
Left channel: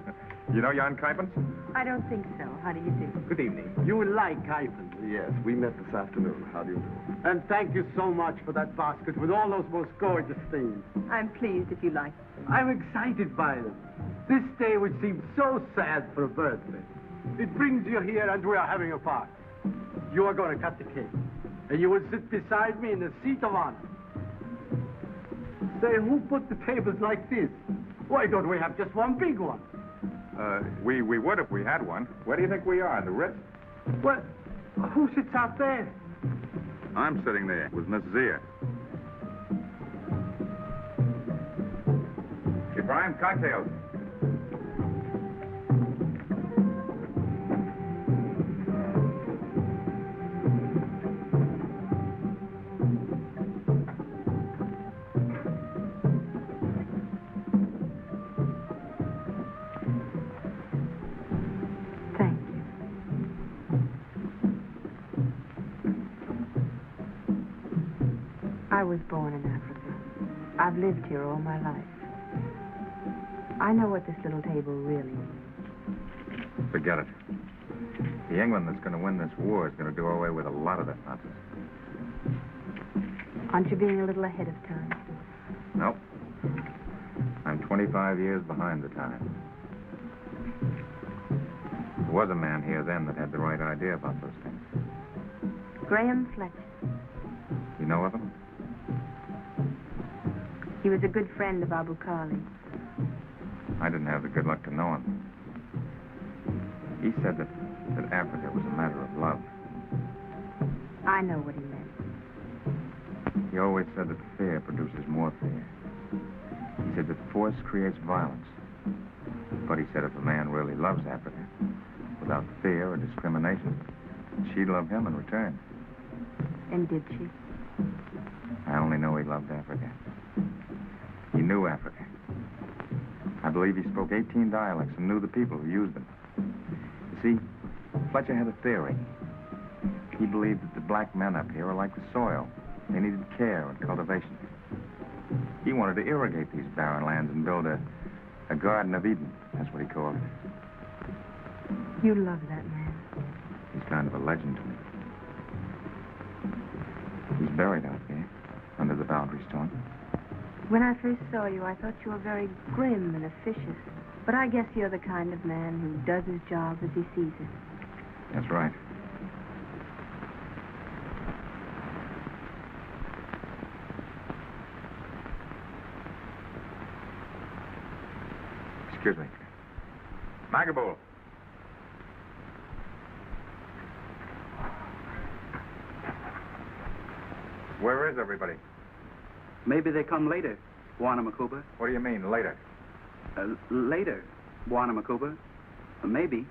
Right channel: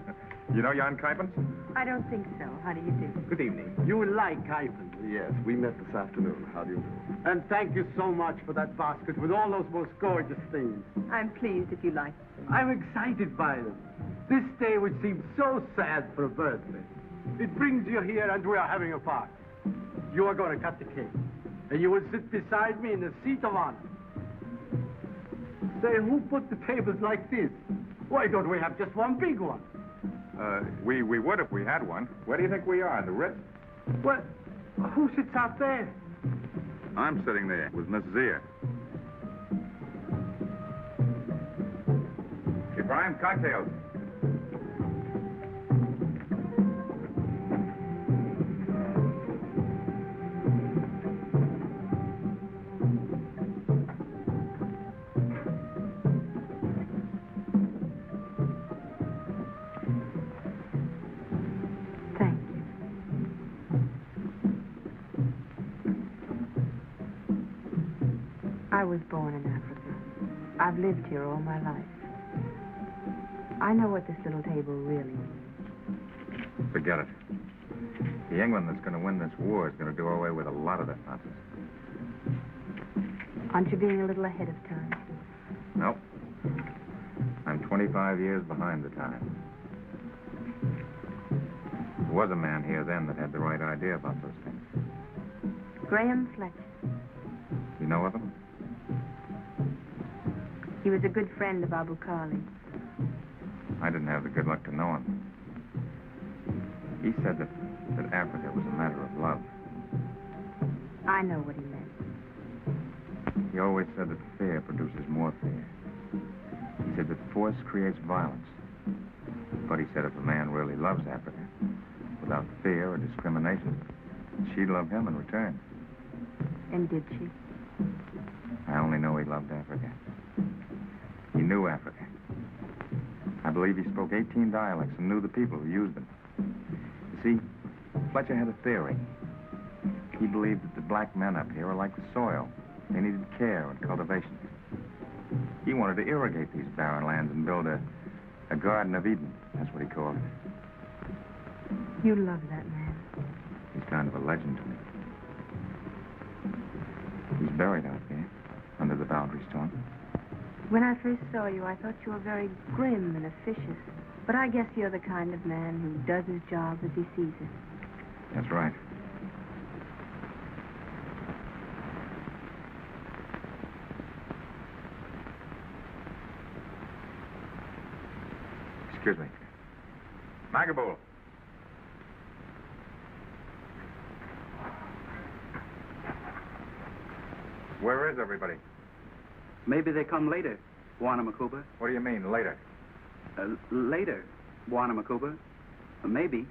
You know Jan Kuipers? I don't think so. How do you do? Good evening. You will like Kuipers. Yes, we met this afternoon. How do you do? And thank you so much for that basket with all those most gorgeous things. I'm pleased if you like them. I'm excited by them. This day which seems so sad for a birthday. It brings you here and we are having a party. You are going to cut the cake. And you will sit beside me in the seat of honor. Say, who put the tables like this? Why don't we have just one big one? We would if we had one. Where do you think we are? In the Ritz? Well, who sits out there? I'm sitting there with Miss Zia. Ibrahim, cocktails. Thank you. I was born in Africa. I've lived here all my life. I know what this little table really means. Forget it. The England that's going to win this war is going to do away with a lot of that nonsense. Aren't you being a little ahead of time? Nope. I'm 25 years behind the time. There was a man here then that had the right idea about those things. Graham Fletcher. You know of him? He was a good friend of Abu Khali. I didn't have the good luck to know him. He said that Africa was a matter of love. I know what he meant. He always said that fear produces more fear. He said that force creates violence. But he said if a man really loves Africa, without fear or discrimination, she'd love him in return. And did she? I only know he loved Africa. He knew Africa. I believe he spoke 18 dialects and knew the people who used them. You see, Fletcher had a theory. He believed that the black men up here are like the soil. They needed care and cultivation. He wanted to irrigate these barren lands and build a Garden of Eden. That's what he called it. You love that man. He's kind of a legend to me. He's buried out there, under the boundary stone. When I first saw you, I thought you were very grim and officious. But I guess you're the kind of man who does his job as he sees it. That's right. Excuse me. Magabul. Where is everybody? Maybe they come later, Warnamakuba. What do you mean, later? Later, Warnamakuba. Maybe.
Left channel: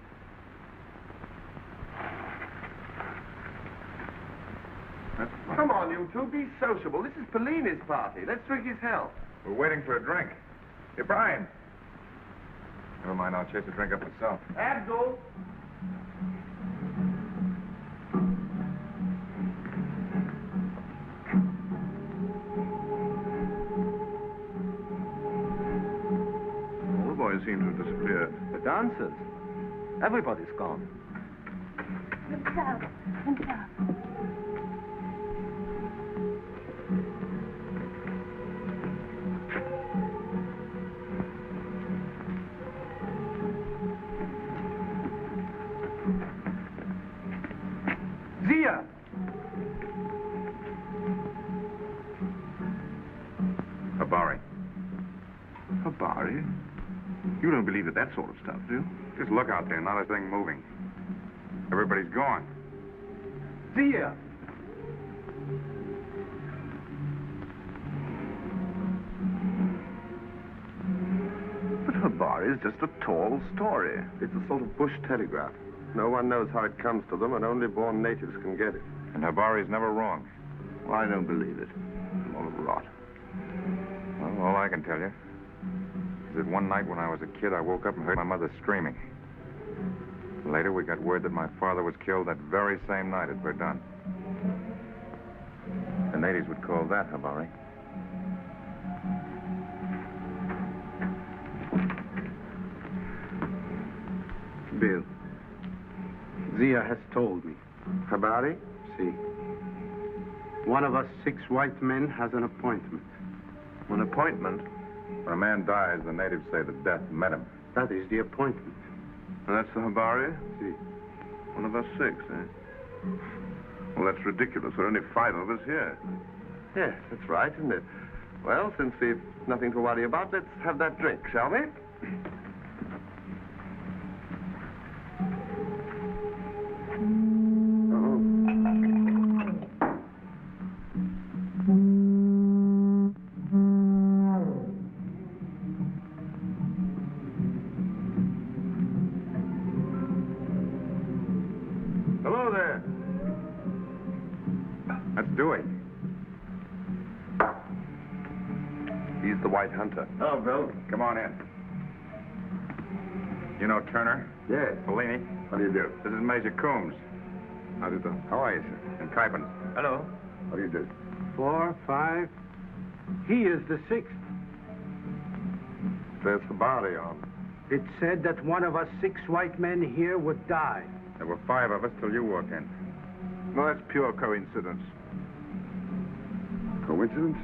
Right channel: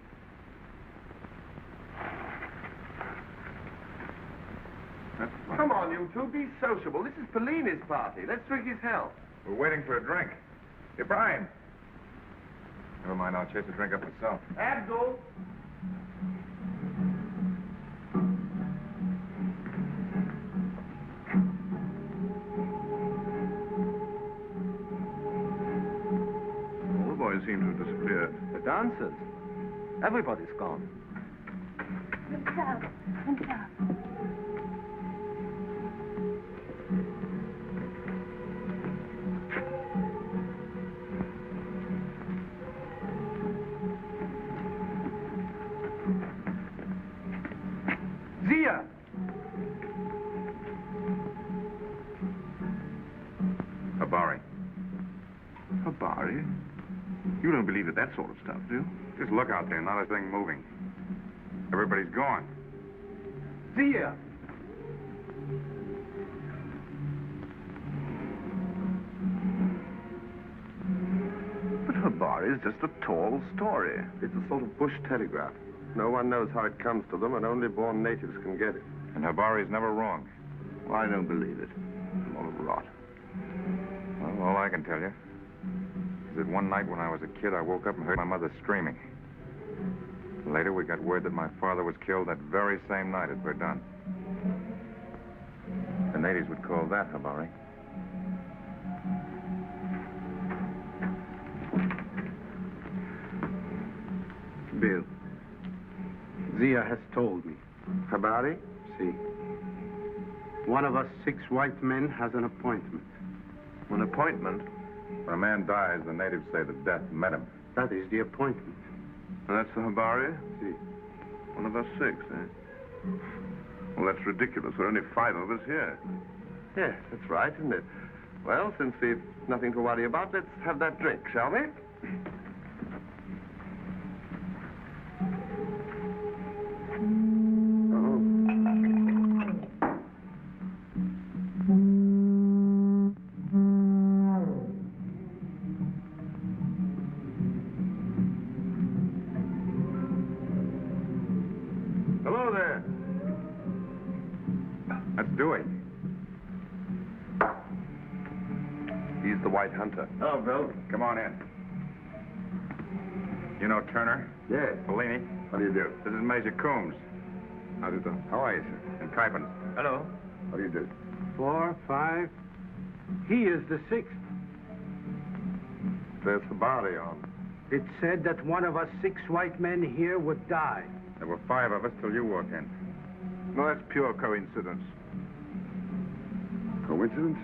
Come on, you two, be sociable. This is Pellini's party. Let's drink his health. We're waiting for a drink. Ibrahim. Never mind, I'll chase a drink up myself. Abdul. All the boys seem to have disappeared. The dancers. Everybody's gone. Zia! Habari. Habari? You don't believe in that sort of stuff, do you? Just look out there, not a thing moving. Everybody's gone. Zia! But Habari is just a tall story. It's a sort of bush telegraph. No one knows how it comes to them, and only born natives can get it. And Habari's never wrong. Well, I don't believe it. All rot. Well, all I can tell you is that one night when I was a kid, I woke up and heard my mother screaming. Later, we got word that my father was killed that very same night at Verdun. The natives would call that Habari. Bill, Zia has told me. Habari? See, one of us 6 white men has an appointment. An appointment? When a man dies, the natives say that death met him. That is the appointment. And that's the Habari? See. One of us 6, eh? Well, that's ridiculous. There are only 5 of us here. Yes, that's right, isn't it? Well, since we've nothing to worry about, let's have that drink, shall we? The White Hunter. Oh, Bill. Come on in. You know Turner? Yes. Bellini? How do you do? This is Major Coombs. How do you do? How are you, sir? And Kuipers. Hello. How do you do? 4, 5. He is the 6th. That's the body of. It said that one of us 6 white men here would die. There were 5 of us till you walked in. No, that's pure coincidence. Coincidence?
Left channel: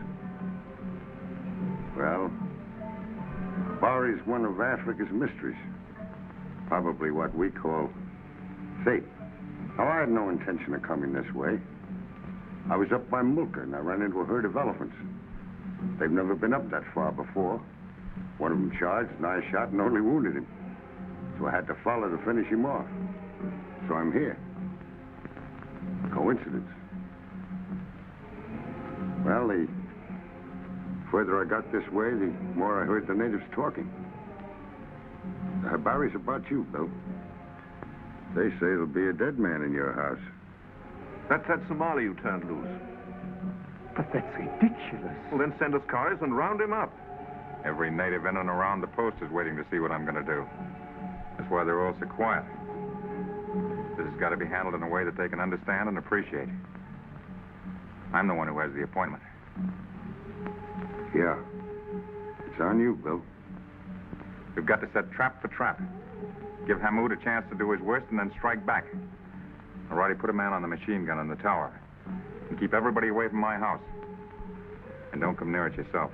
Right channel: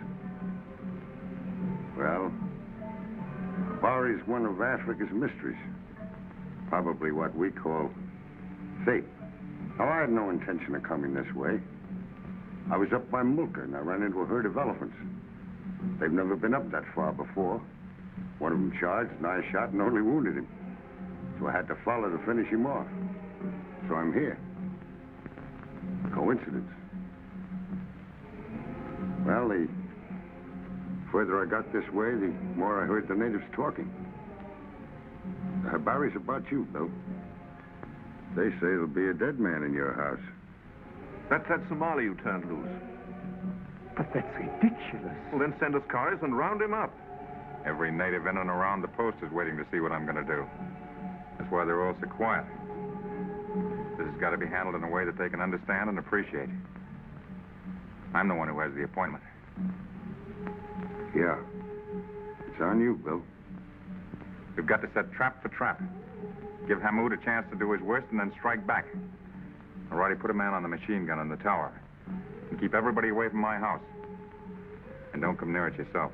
Well, Bari's one of Africa's mysteries. Probably what we call fate. Now, I had no intention of coming this way. I was up by Mulker, and I ran into a herd of elephants. They've never been up that far before. One of them charged, and I shot and only wounded him. So I had to follow to finish him off. So I'm here. Coincidence. Well, the further I got this way, the more I heard the natives talking. Barry's about you, Bill. They say there'll be a dead man in your house. That's that Somali you turned loose. But that's ridiculous. Well, then send us cars and round him up. Every native in and around the post is waiting to see what I'm going to do. That's why they're all so quiet. This has got to be handled in a way that they can understand and appreciate. I'm the one who has the appointment. Yeah. It's on you, Bill. We've got to set trap for trap. Give Hamoud a chance to do his worst and then strike back. I've already put a man on the machine gun in the tower. And keep everybody away from my house. And don't come near it yourself.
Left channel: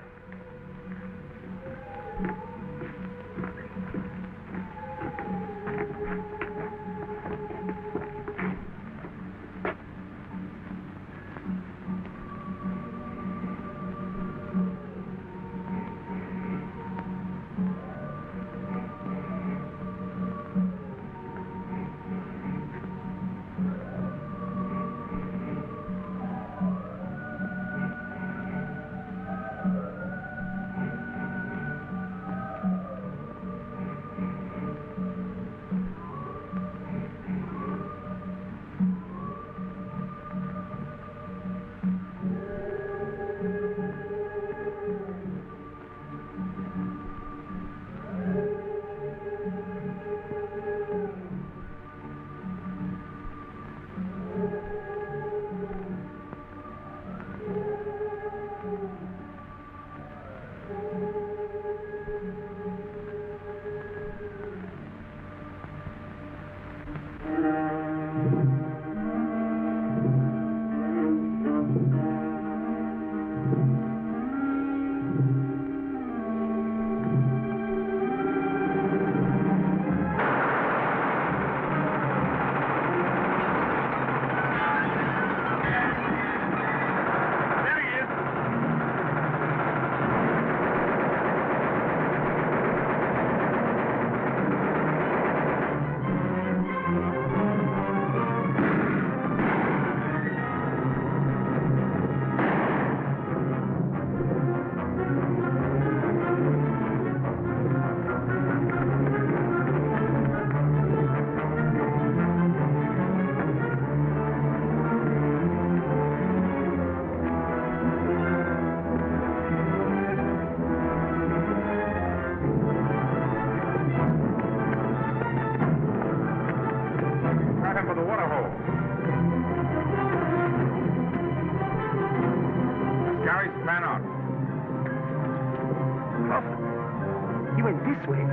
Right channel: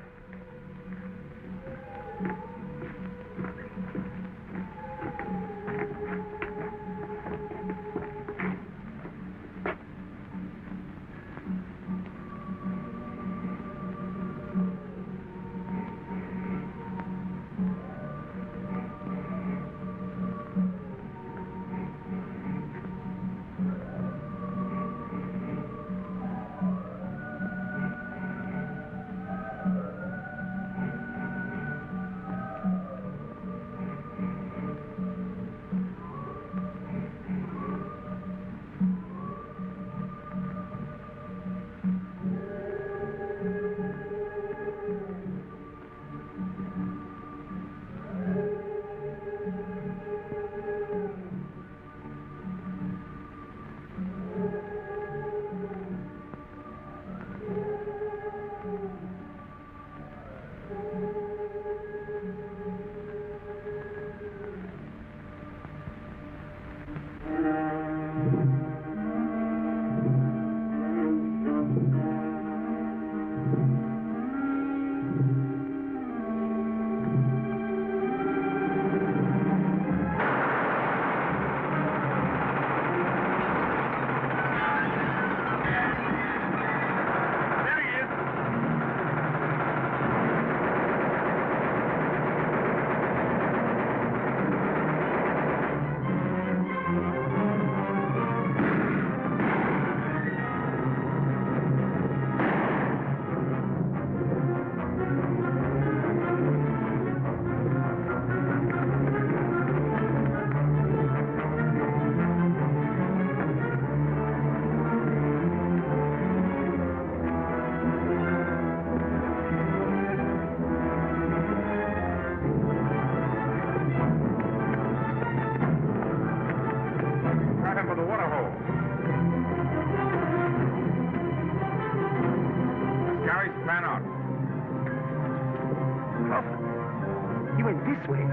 This way.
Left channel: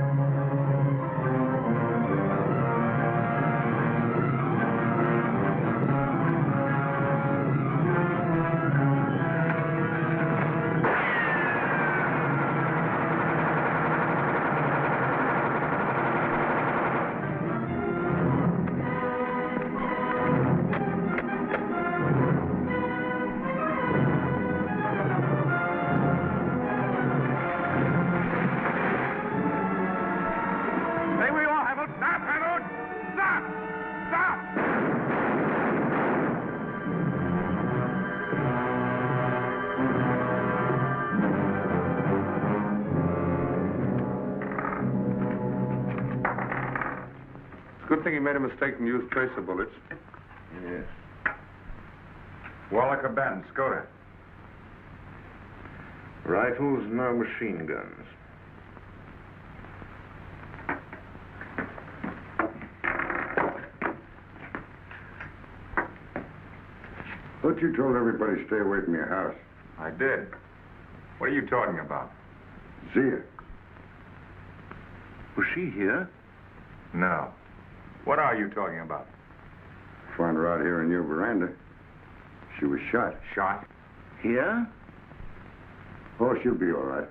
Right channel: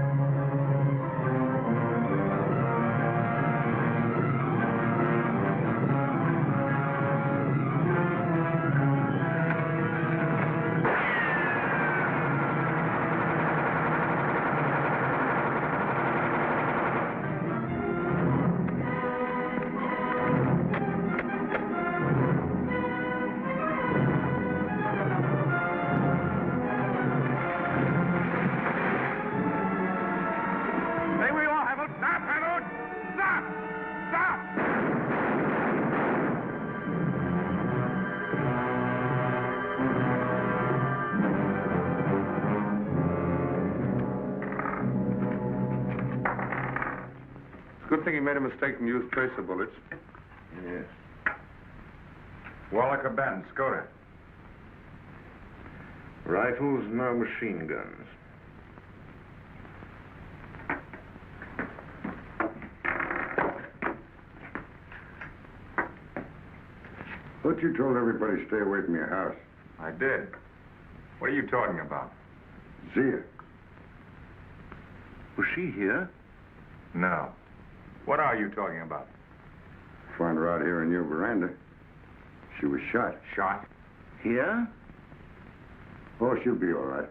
Good thing he made a mistake and used tracer bullets. Yes. Wallaka Ben, Skoda. Rifles nor machine guns. Look, you told everybody to stay away from your house. I did. What are you talking about? Zia. Was she here? No. What are you talking about? Found her out here in your veranda. She was shot. Shot? Here? Oh, she'll be all right.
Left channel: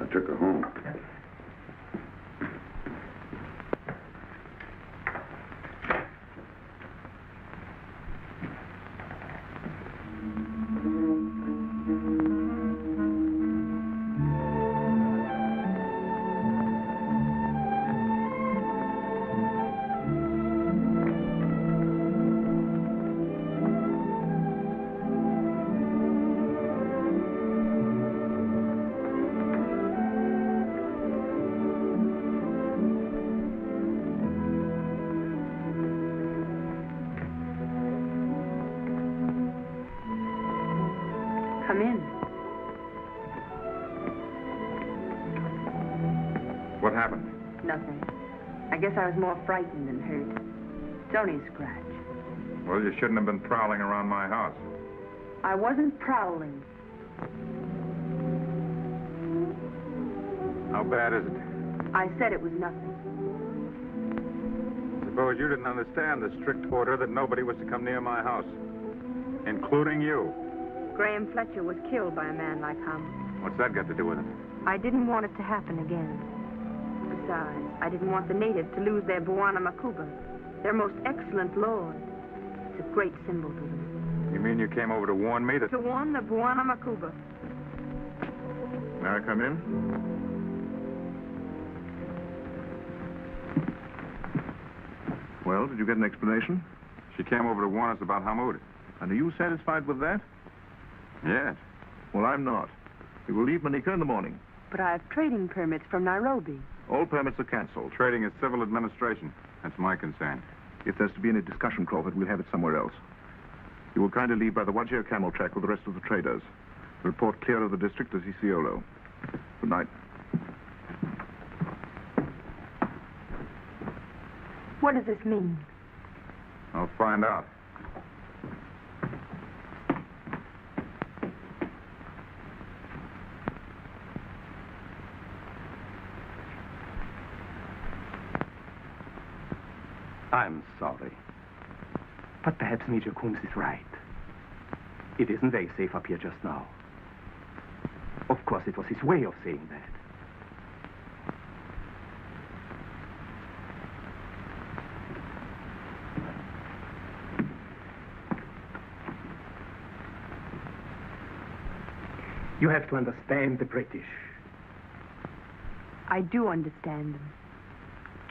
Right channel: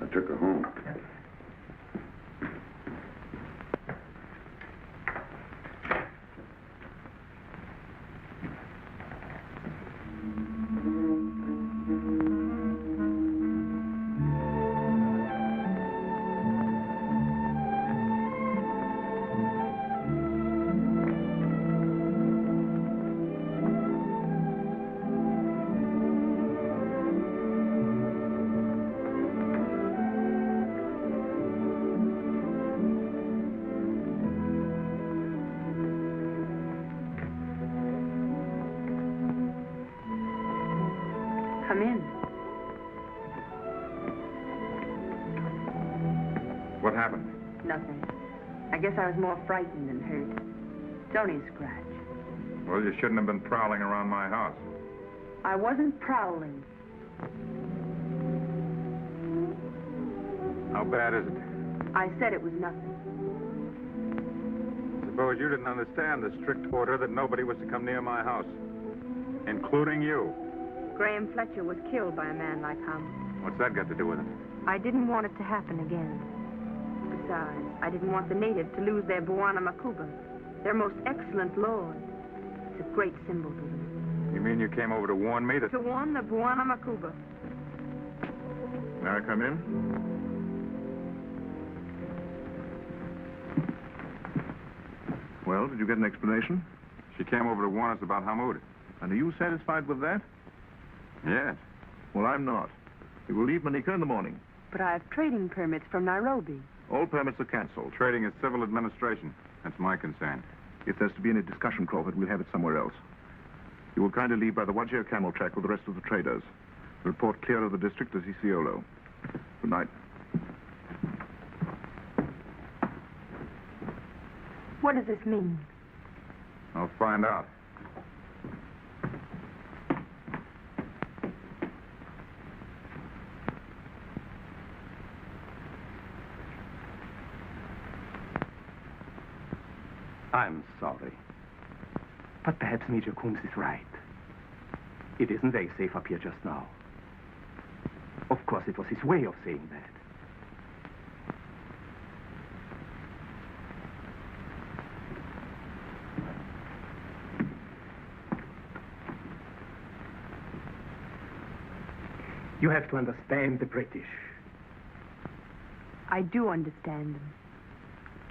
I took her home. Come in. What happened? Nothing. I guess I was more frightened than hurt. It's only a scratch. Well, you shouldn't have been prowling around my house. I wasn't prowling. How bad is it? I said it was nothing. Suppose you didn't understand the strict order that nobody was to come near my house, including you. Graham Fletcher was killed by a man like him. What's that got to do with it? I didn't want it to happen again. Besides, I didn't want the natives to lose their Bwana Makuba, their most excellent lord. It's a great symbol to them. You mean you came over to warn me to... To warn the Bwana Makuba. May I come in? Well, did you get an explanation? She came over to warn us about Hamoud. And are you satisfied with that? Yes. Well, I'm not. We will leave Manika in the morning. But I have trading permits from Nairobi. All permits are cancelled. Trading is civil administration. That's my concern. If there's to be any discussion, Crawford, we'll have it somewhere else. You will kindly leave by the WWII camel track with the rest of the traders. Report clear of the district as Isiolo. Good night. What does this mean? I'll find out. I'm sorry. But perhaps Major Coombs is right. It isn't very safe up here just now. Of course, it was his way of saying that. You have to understand the British. I do understand them.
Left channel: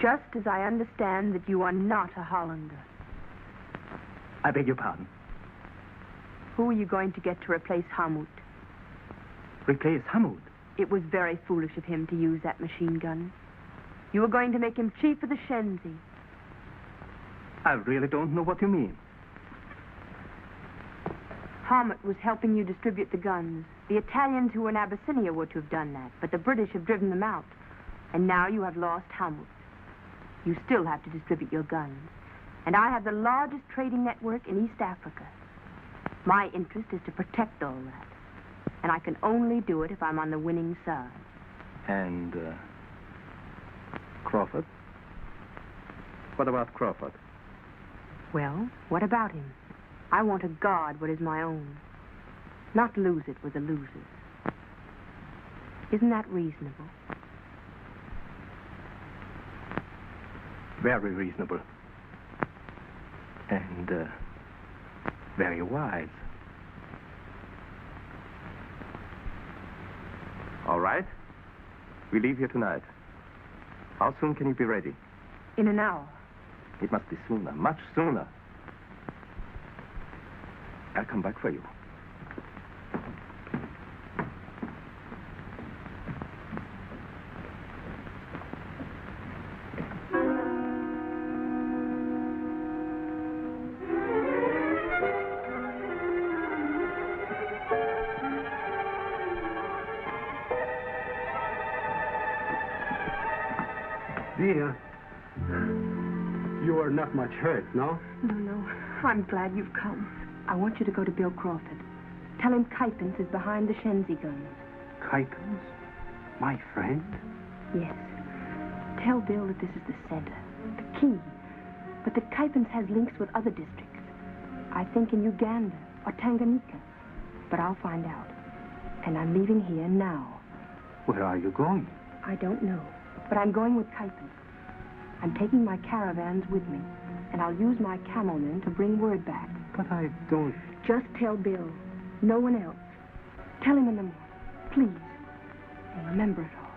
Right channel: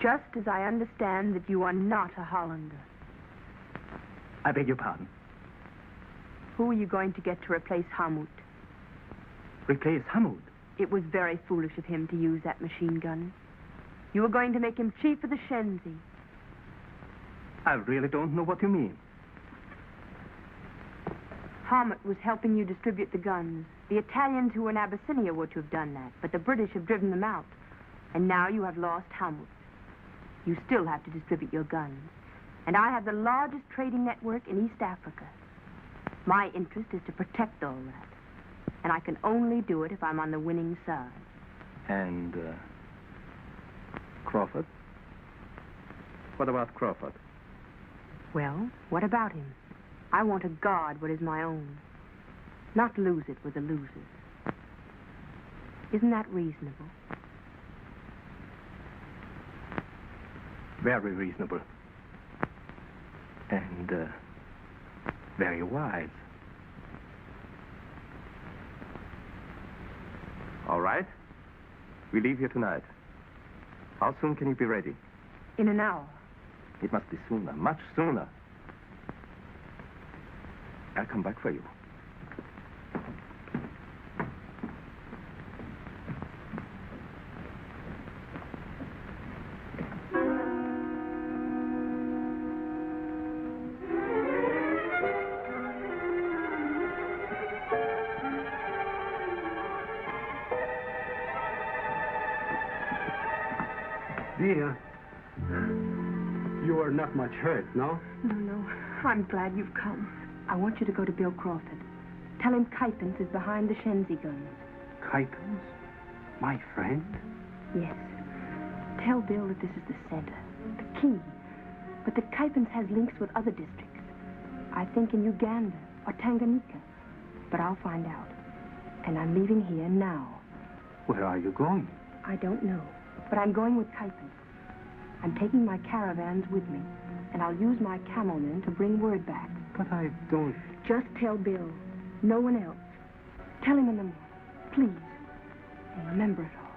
Just as I understand that you are not a Hollander. I beg your pardon. Who are you going to get to replace Hamoud? Replace Hamoud? It was very foolish of him to use that machine gun. You were going to make him chief of the Shenzi. I really don't know what you mean. Hamoud was helping you distribute the guns. The Italians who were in Abyssinia were to have done that, but the British have driven them out. And now you have lost Hamoud. You still have to distribute your guns. And I have the largest trading network in East Africa. My interest is to protect all that. And I can only do it if I'm on the winning side. And, Crawford? What about Crawford? Well, what about him? I want to guard what is my own. Not lose it with the losers. Isn't that reasonable? Very reasonable. And, very wise. All right. We leave here tonight. How soon can you be ready? In an hour. It must be sooner, much sooner. I'll come back for you. Dear, you are not much hurt, no? No. I'm glad you've come. I want you to go to Bill Crawford. Tell him Kuipens is behind the Shenzi guns. Kuipens? My friend? Yes. Tell Bill that this is the center, the key, but that Kuipens has links with other districts. I think in Uganda or Tanganyika. But I'll find out. And I'm leaving here now. Where are you going? I don't know, but I'm going with Kuipens. I'm taking my caravans with me, and I'll use my camelmen to bring word back. But I don't... Just tell Bill. No one else. Tell him in the morning, please. And remember it all.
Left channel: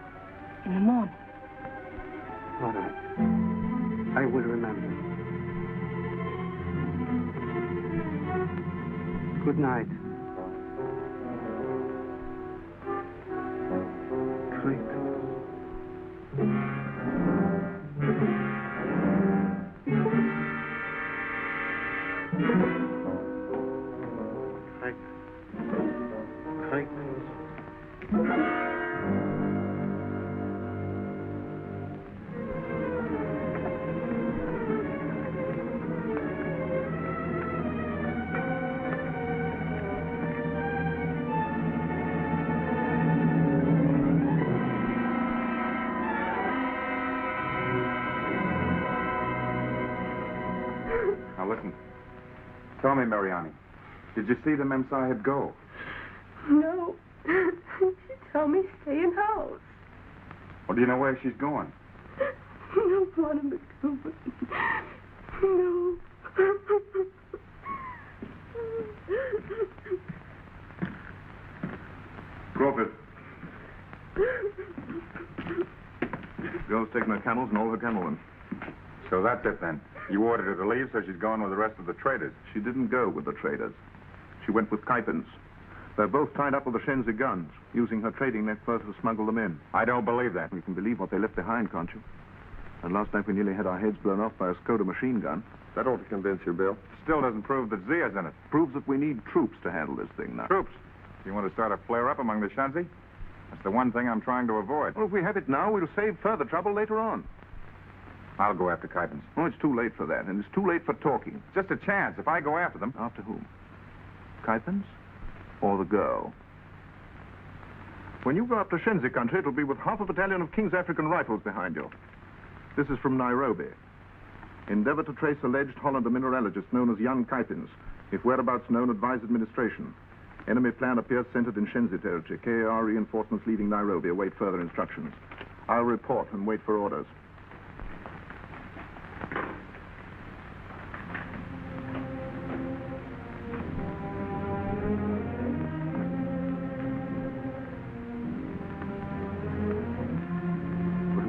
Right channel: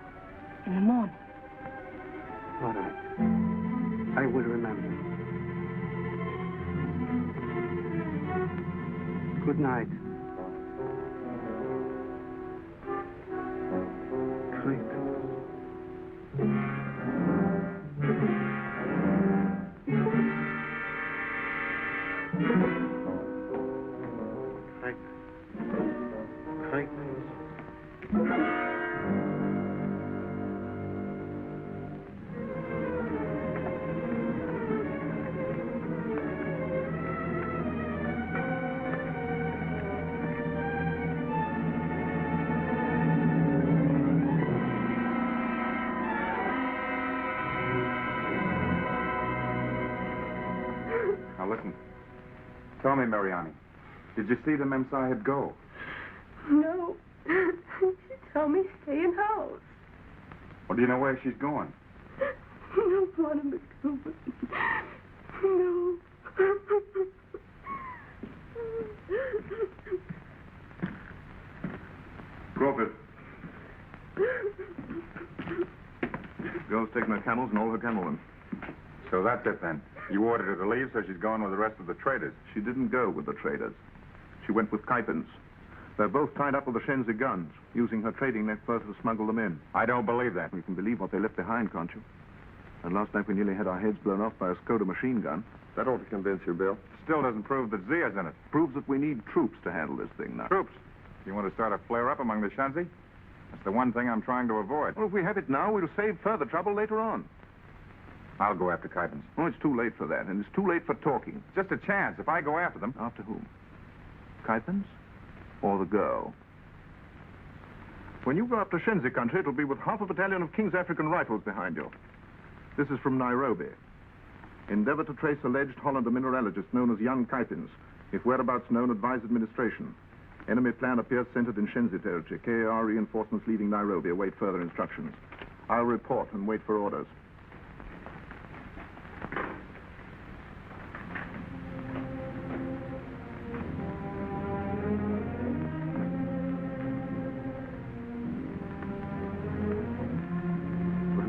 In the morning. All right. I will remember. Good night. Now listen. Tell me, Mariani, did you see the Mem Sahib go? No. She told me stay in house. Well, do you know where she's going? No, Warner McCool. No. Crawford. Bill's taking her camels and all her camelmen. So that's it then. You ordered her to leave, so she's going with the rest of the traders. She didn't go with the traders. She went with Kuipens. They're both tied up with the Shenzi guns, using her trading net first to smuggle them in. I don't believe that. You can believe what they left behind, can't you? And last night we nearly had our heads blown off by a Skoda machine gun. That ought to convince you, Bill. Still doesn't prove that Zia's in it. Proves that we need troops to handle this thing now. Troops? You want to start a flare-up among the Shenzi? That's the one thing I'm trying to avoid. Well, if we had it now, we'll save further trouble later on. I'll go after Kuipens. Oh, it's too late for that, and it's too late for talking. Just a chance. If I go after them... After whom? Kuipens? Or the girl? When you go up to Shenzi country, it'll be with half a battalion of King's African Rifles behind you. This is from Nairobi. Endeavor to trace alleged Hollander mineralogist known as young Kuipens. If whereabouts known, advise administration. Enemy plan appears centered in Shenzi territory. KAR reinforcements leaving Nairobi. Await further instructions. I'll report and wait for orders.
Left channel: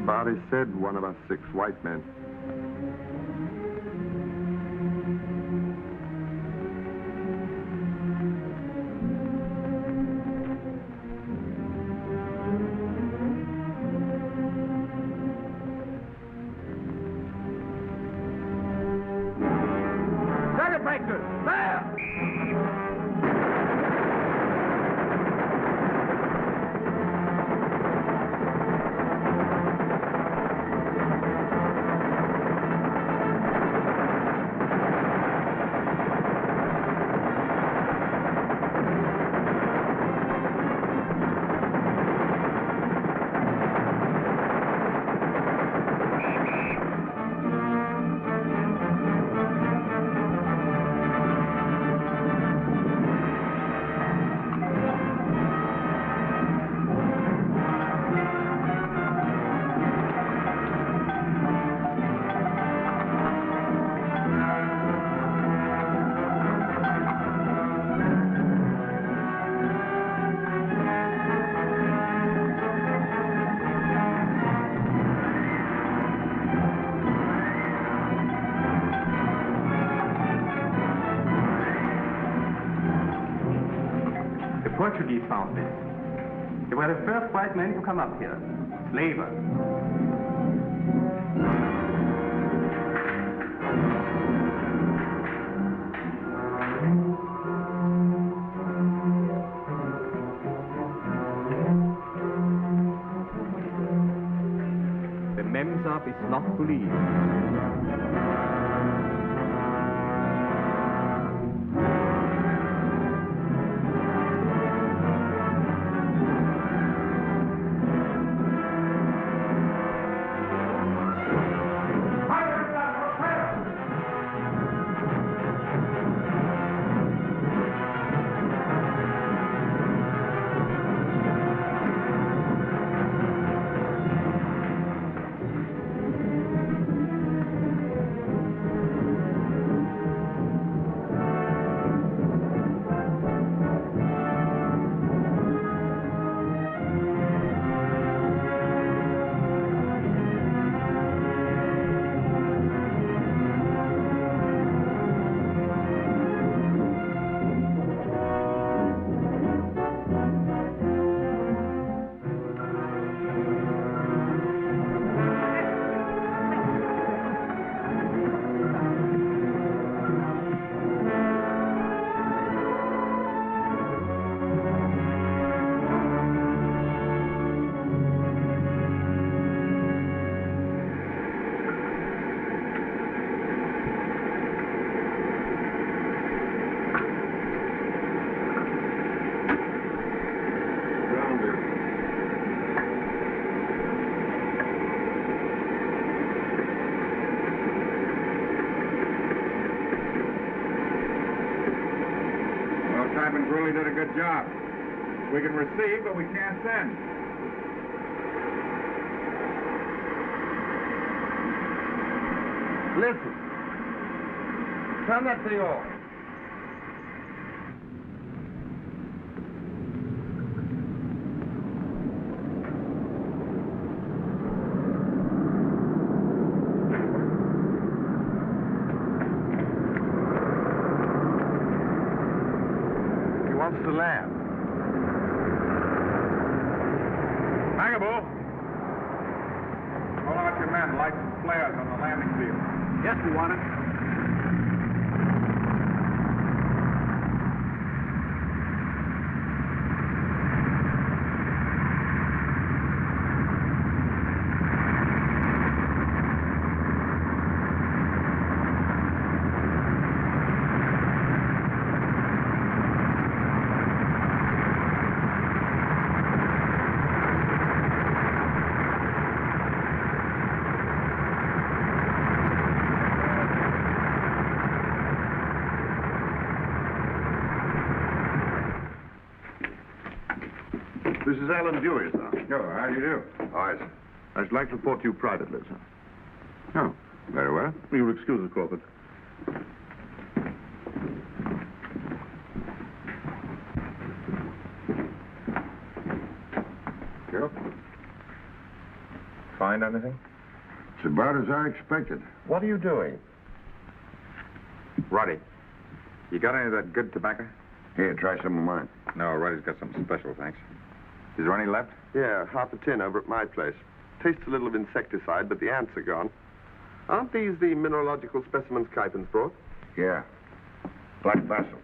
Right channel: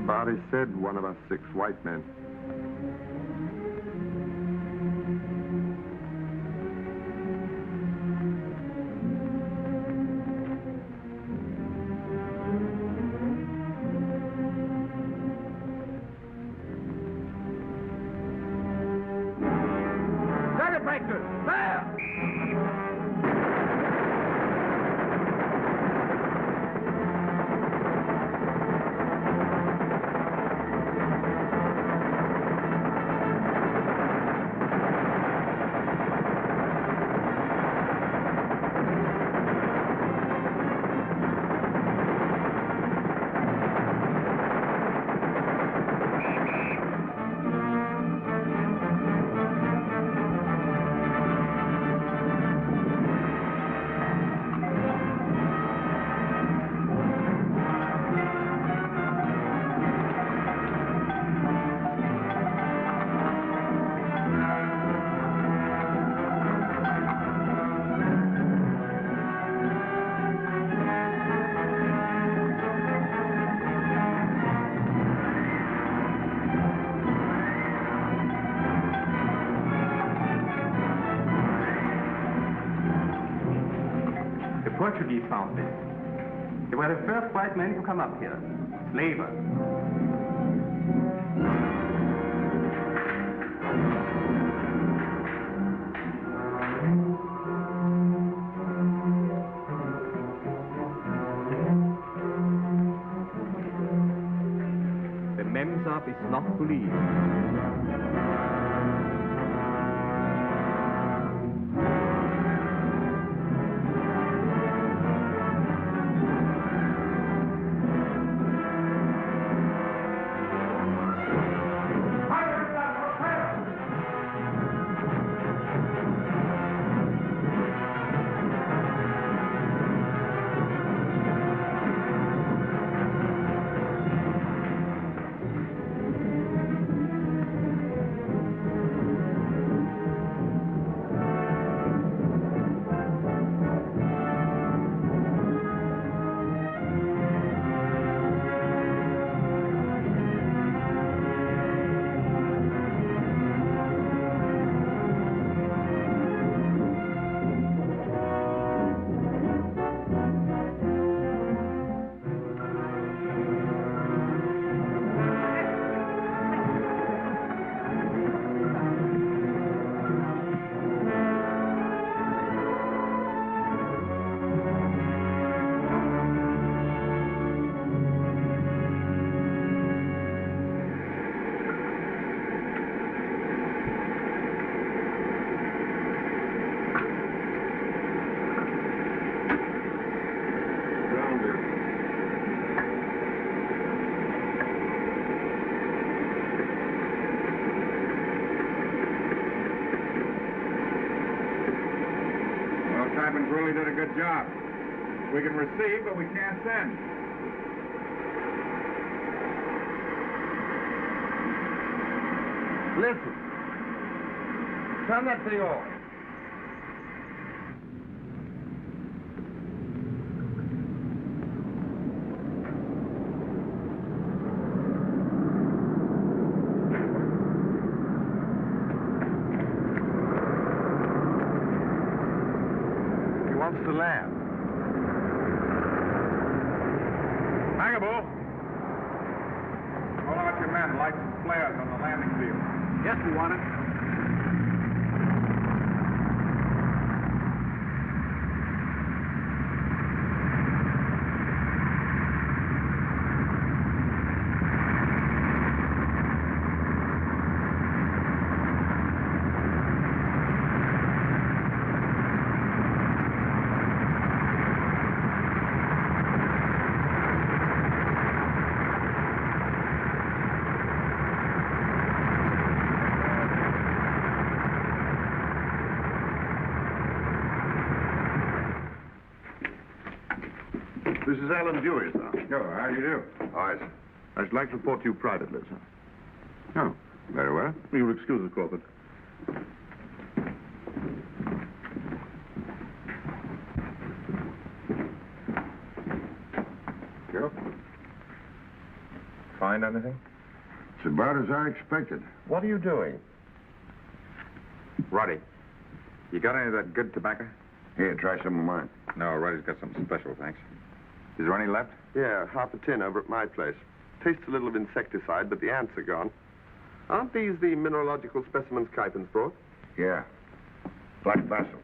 Body said one of us 6 white men. Dagger breakers! There! Portuguese found this. They were the first white men to come up here. Slavers. The Mems are enough is not to leave. Really did a good job. We can receive, but we can't send. Listen. Turn that thing off. To land. Cabot! Call out your men, light some flares on the landing field. Yes, we want it. This is Alan Dewey, sir. Sure, how do you do? Hi, sir. I'd like to report to you privately, sir. Oh, very well. You'll excuse us, Crawford. Sure. Find anything? It's about as I expected. What are you doing? Roddy, you got any of that good tobacco? Here, try some of mine. No, Roddy's got something special, thanks. Is there any left? Yeah, half a tin over at my place. Tastes a little of insecticide, but the ants are gone. Aren't these the mineralogical specimens Kuypens brought? Yeah. Black basil.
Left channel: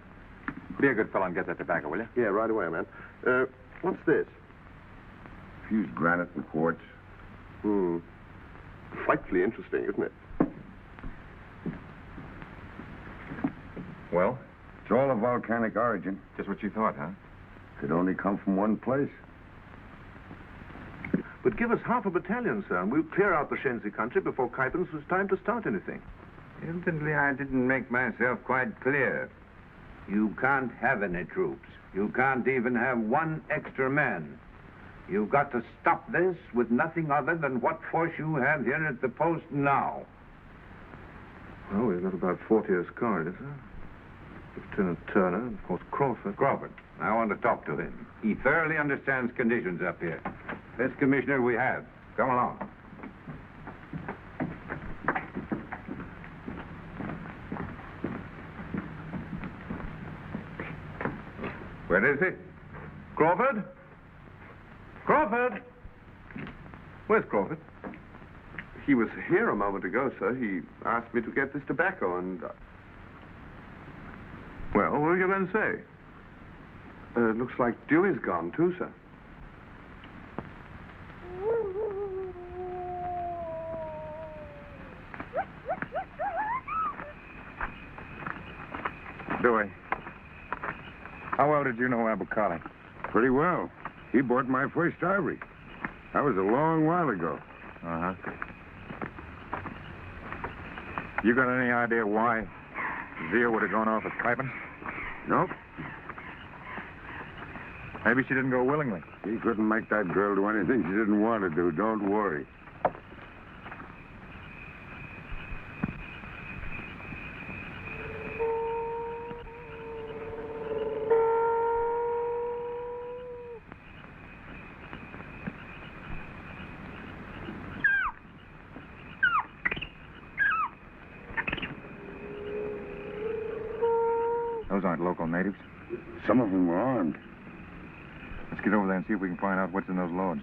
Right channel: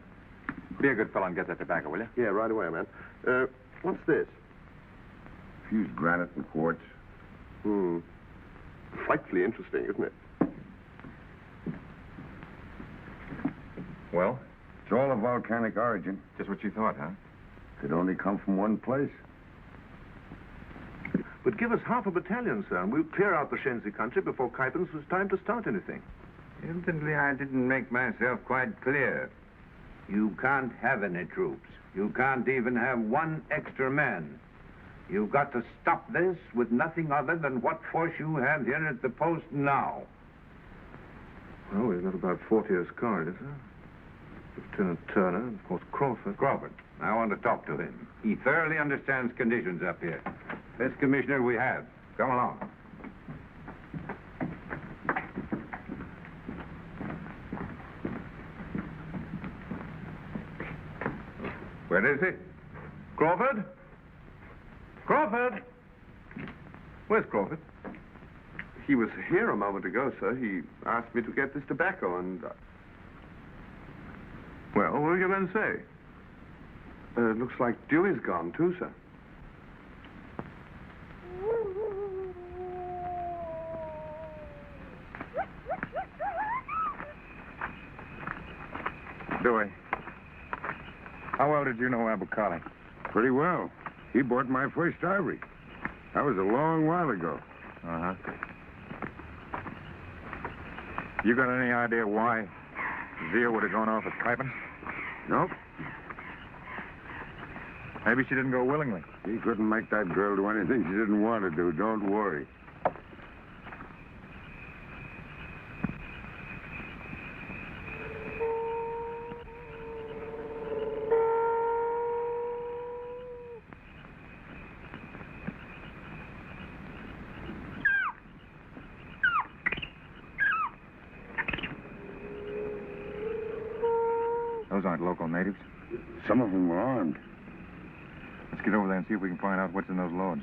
Be a good fellow and get that tobacco, will you? Yeah, right away, man. What's this? Fused granite and quartz. Frightfully interesting, isn't it? Well? It's all of volcanic origin. Just what you thought, huh? Could only come from one place. But give us half a battalion, sir, and we'll clear out the Shenzi country before Kuypens was time to start anything. Evidently, I didn't make myself quite clear. You can't have any troops. You can't even have one extra man. You've got to stop this with nothing other than what force you have here at the post now. Well, we've got about 40 escort, isn't it? Lieutenant Turner, and of course Crawford. Crawford. I want to talk to him. He thoroughly understands conditions up here. This commissioner we have. Come along. Where is he? Crawford? Crawford! Where's Crawford? He was here a moment ago, sir. He asked me to get this tobacco and... Well, what are you going to say? It looks like Dewey's gone, too, sir. Dewey, how well did you know Abukali? Pretty well. He bought my first ivory. That was a long while ago. Uh-huh. You got any idea why Zia would have gone off with Kaipen? No? Maybe she didn't go willingly. He couldn't make that girl do anything she didn't want to do. Don't worry. Those aren't local natives. Some of them were armed. Let's get over there and see if we can find out what's in those loads.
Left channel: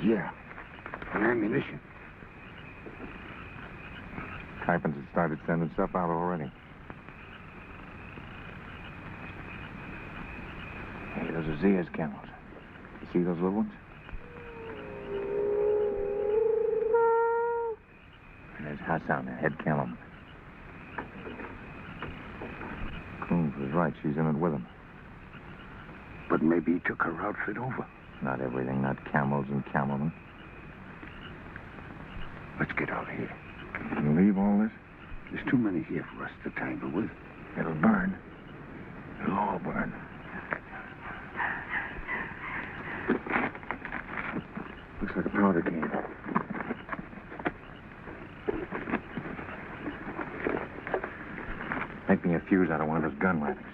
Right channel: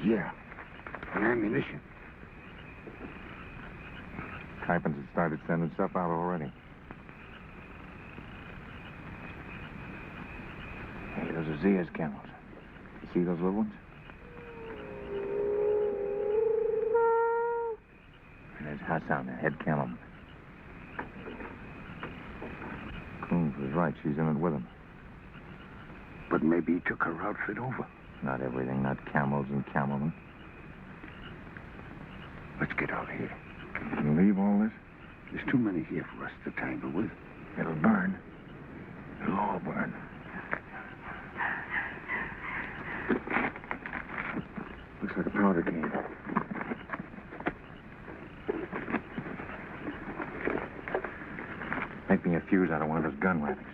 Yeah. And ammunition. Kaipen's has started sending stuff out already. Hey, those are Zia's camels. You see those little ones? And there's Hassan, the head camel. Coombs was right. She's in it with him. But maybe he took her outfit over. Not everything, not camels and camelmen. Let's get out of here. You leave all this? There's too many here for us to tangle with. It'll burn. It'll all burn. Looks like a powder keg. Make me a fuse out of one of his gun wrappings.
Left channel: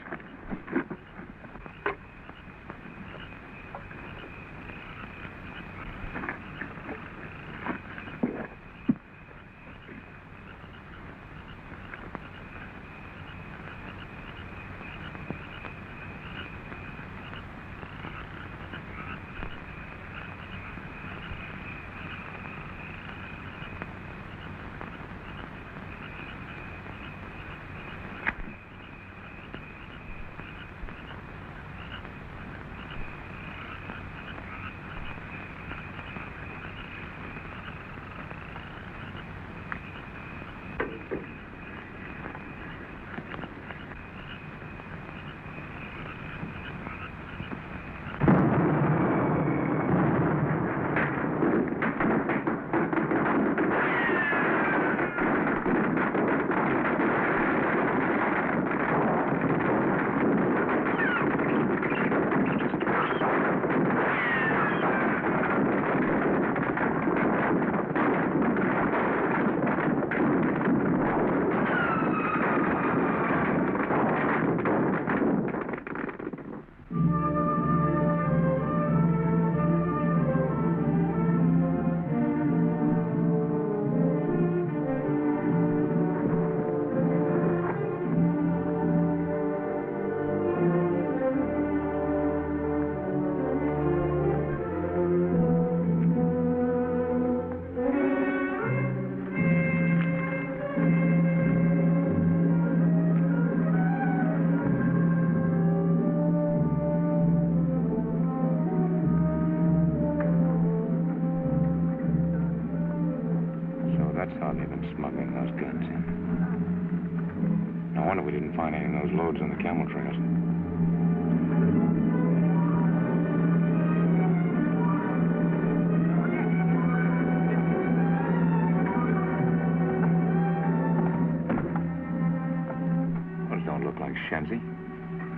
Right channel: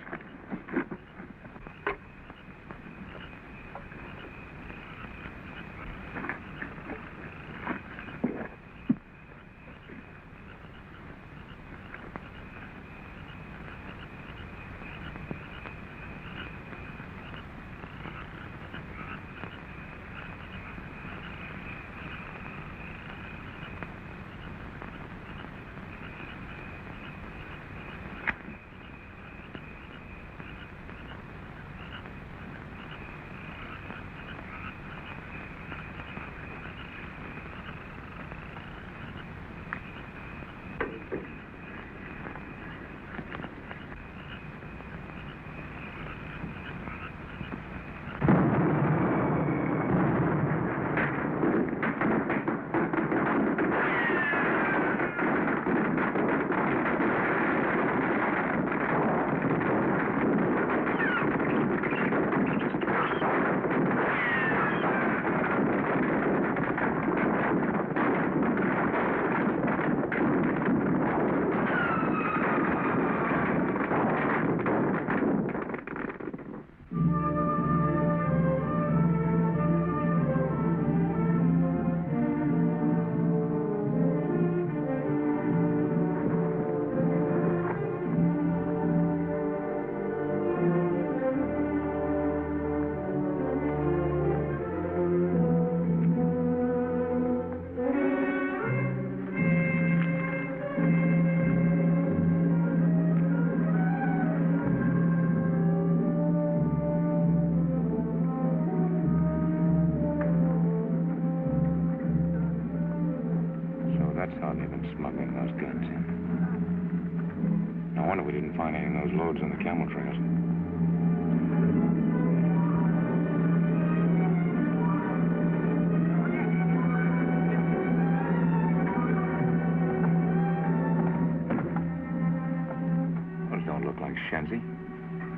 Loads in the camel trails. Those don't look like Shenzi.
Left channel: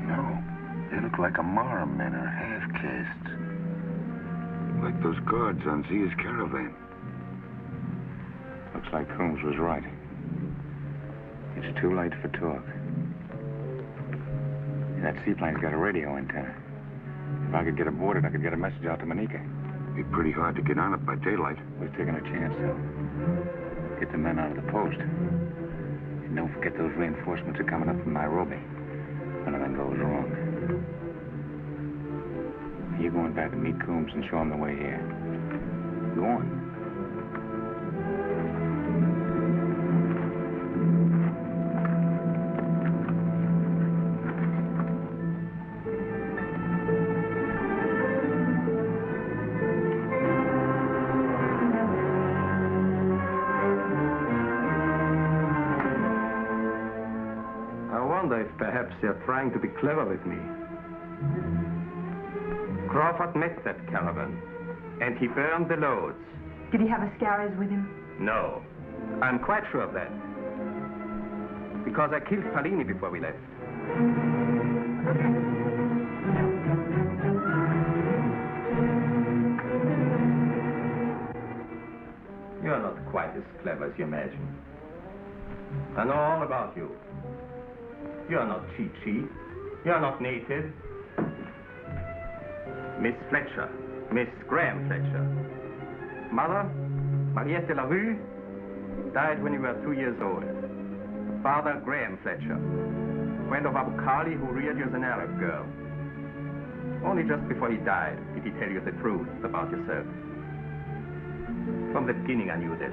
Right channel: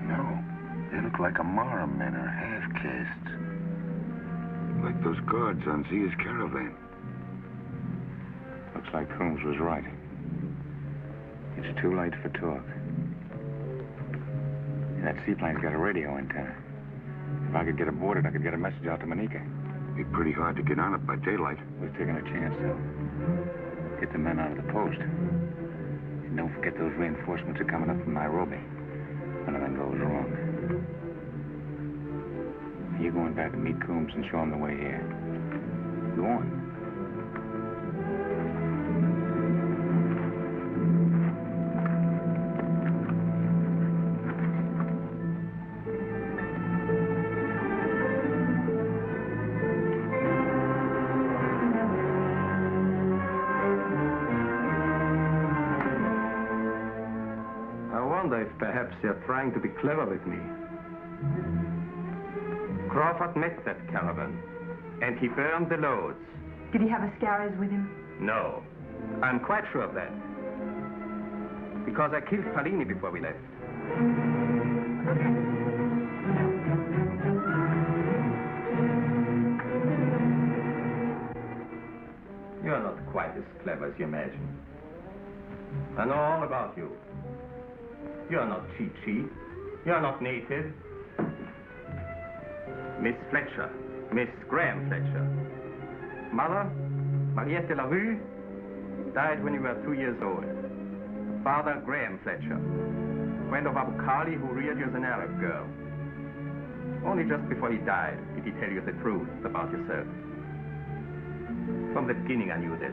No. They look like Amara men or half-castes. Like those guards on Zia's caravan. Looks like Coombs was right. It's too late for talk. That seaplane's got a radio antenna. If I could get aboard it, I could get a message out to Manika. Be pretty hard to get on it by daylight. We're taking a chance, though. Get the men out of the post. And don't forget those reinforcements are coming up from Nairobi. anything goes wrong. You're going back to meet Coombs and show him the way here. Go on. Perhaps they're trying to be clever with me. Crawford met that caravan, and he burned the loads. Did he have Ascaris with him? No. I'm quite sure of that. Because I killed Palini before we left. You're not quite as clever as you imagine. I know all about you. You're not cheat. You're not naked. Miss Fletcher. Miss Graham Fletcher. Mother, Mariette de la Rue, died when you were 2 years old. Father, Graham Fletcher. Friend of Abukali, who reared you as an Arab girl. Only just before he died did he tell you the truth about yourself. From the beginning I knew this.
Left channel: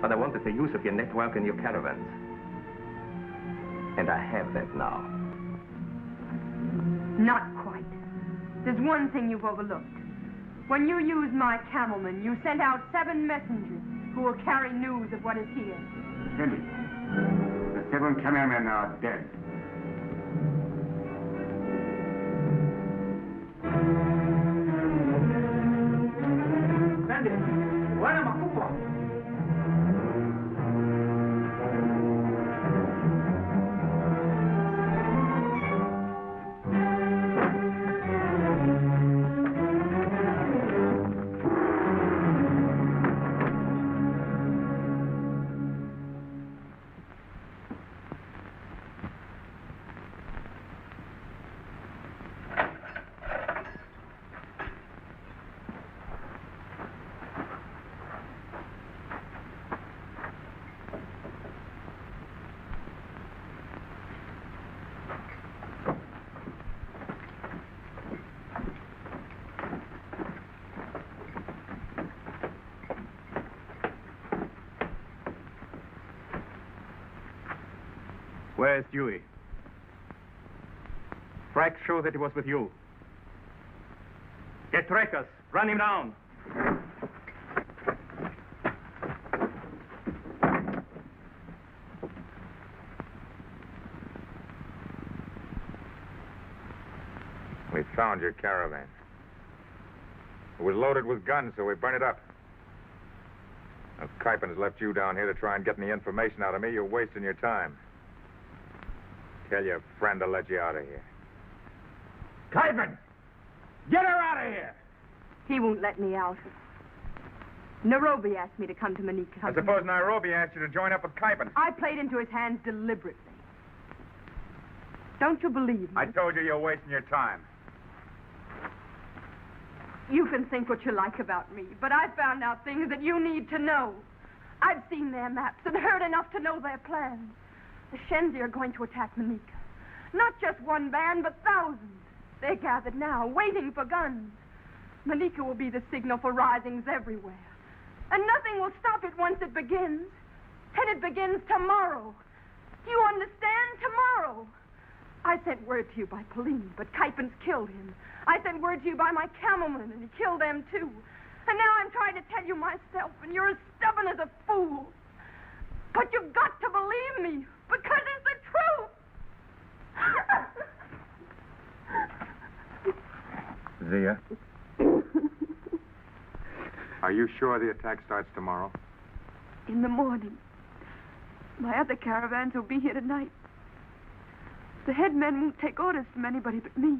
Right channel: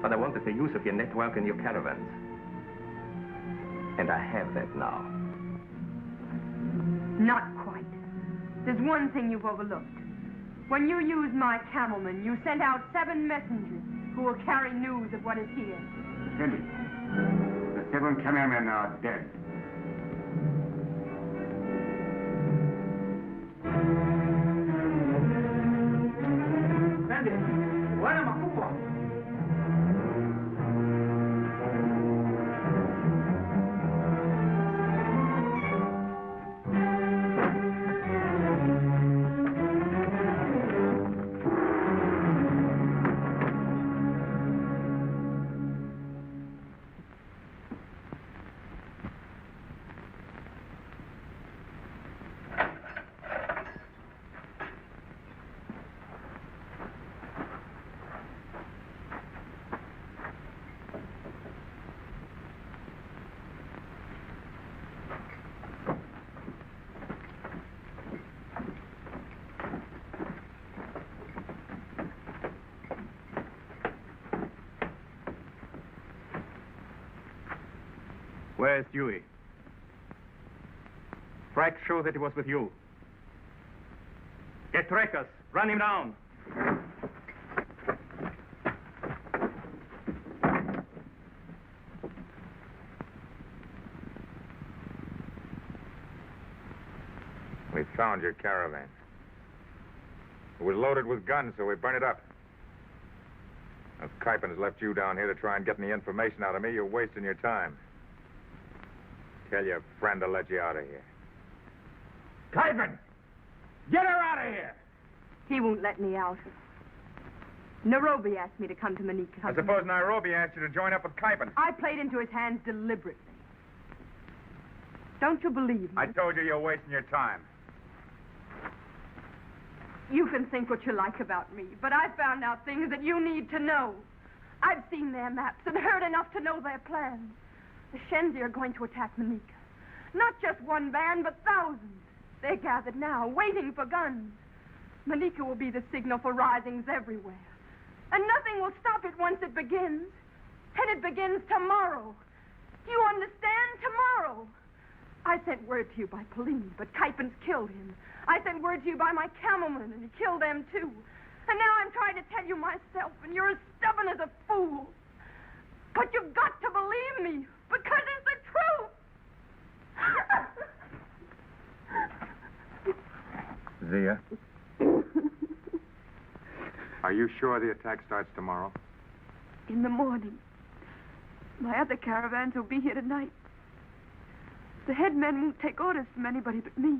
But I wanted the use of your network and your caravans. And I have that now. Not quite. There's one thing you've overlooked. When you used my camelmen, you sent out 7 messengers who will carry news of what is here. Cindy, the 7 cameramen are dead. Sandy, why am I football? Where's Dewey? Frank showed that he was with you. Get Trekkers. Run him down. We found your caravan. It was loaded with guns, so we burned it up. If Kuiper's left you down here to try and get any information out of me, you're wasting your time. Tell your friend to let you out of here. Kuiper! Get her out of here! He won't let me out. Nairobi asked me to come to Manika. I suppose Nairobi asked you to join up with Kuiper. I played into his hands deliberately. Don't you believe me? I told you you're wasting your time. You can think what you like about me, but I found out things that you need to know. I've seen their maps and heard enough to know their plans. The Shenzi are going to attack Manika. Not just one band, but thousands. They're gathered now, waiting for guns. Manika will be the signal for risings everywhere. And nothing will stop it once it begins. And it begins tomorrow. Do you understand? Tomorrow. I sent word to you by Pauline, but Kuiper's killed him. I sent word to you by my camelman, and he killed them too. And now I'm trying to tell you myself, and you're as stubborn as a fool. But you've got to believe me, because it's the truth. Zia? Are you sure the attack starts tomorrow? In the morning. My other caravans will be here tonight. The headmen won't take orders from anybody but me.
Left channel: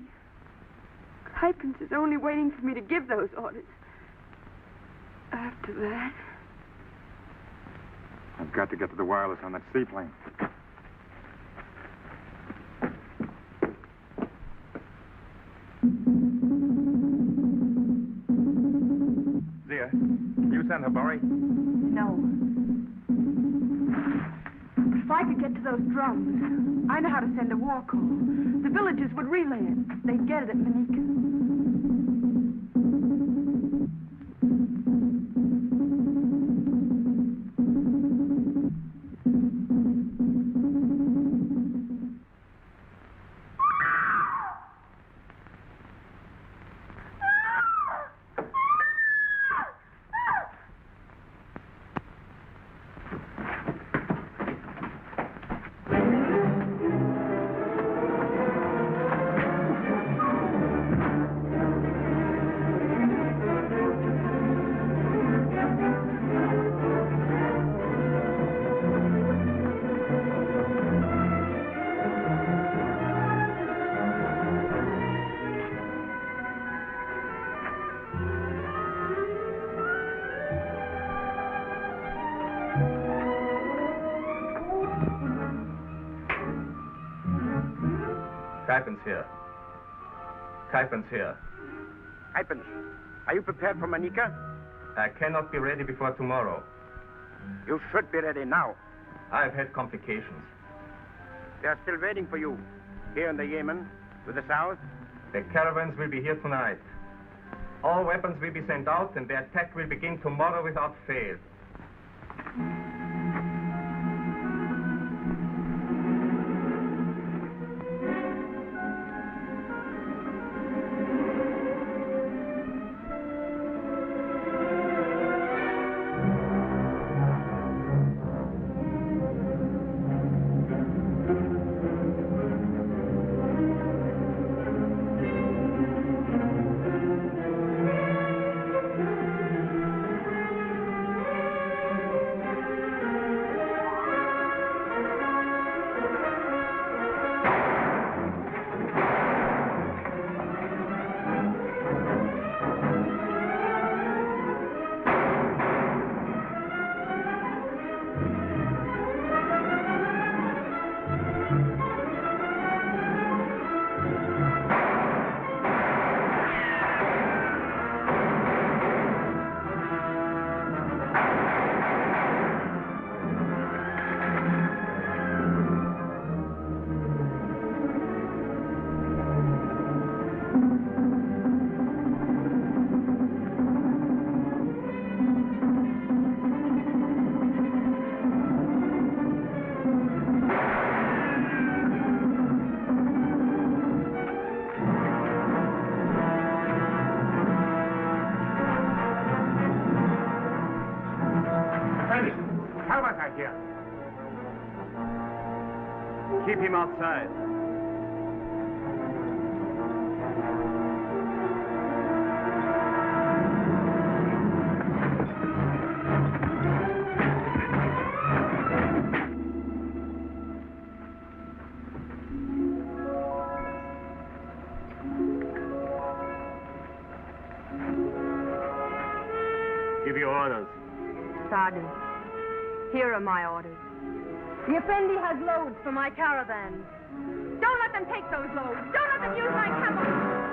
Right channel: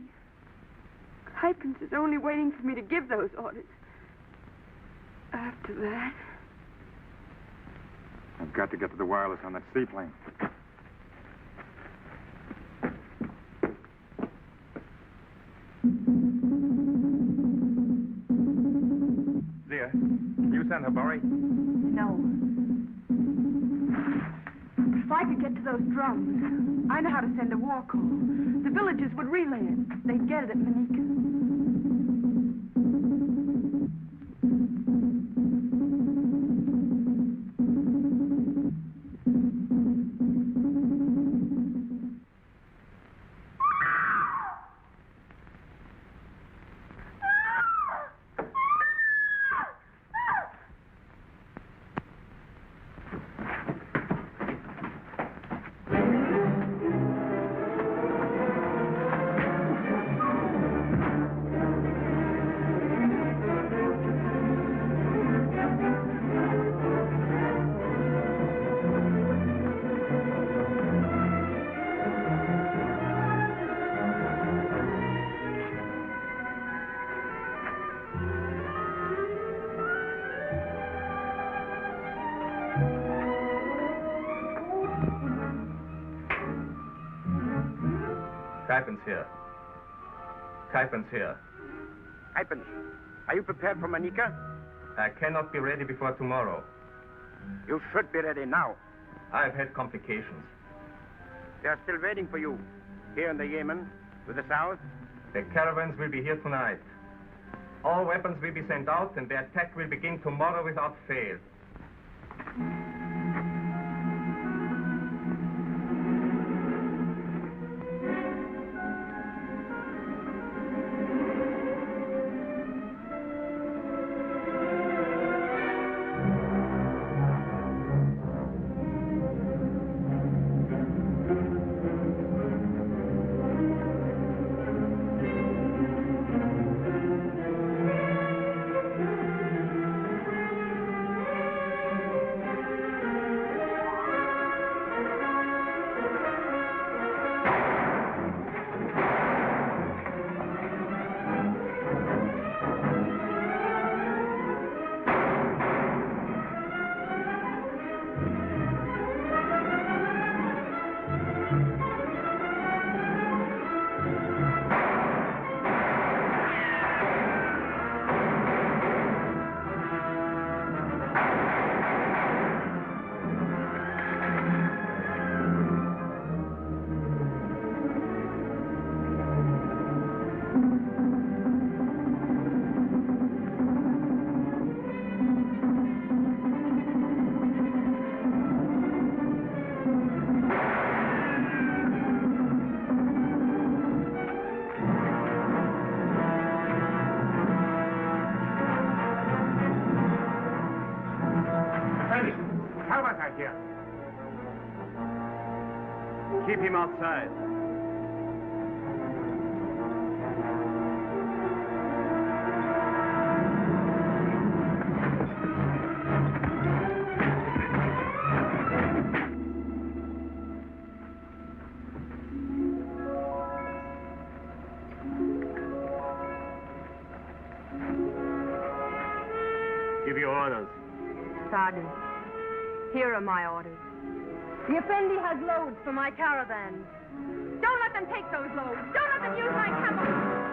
Kuiper is only waiting for me to give those orders. After that... I've got to get to the wireless on that seaplane. Zia, you send Habari? No. If I could get to those drones, drums. I know how to send a war call. The villagers would relay it. They'd get it at Manika. Kypen's here. Kypen's here. Kypen, are you prepared for Manika? I cannot be ready before tomorrow. You should be ready now. I've had complications. They are still waiting for you. Here in the Yemen, to the south. The caravans will be here tonight. All weapons will be sent out, and the attack will begin tomorrow without fail. Here. Keep him outside. Give your orders. Sergeant, here are my orders. The Effendi has loads for my caravan. Don't let them take those loads. Don't let them use my camels.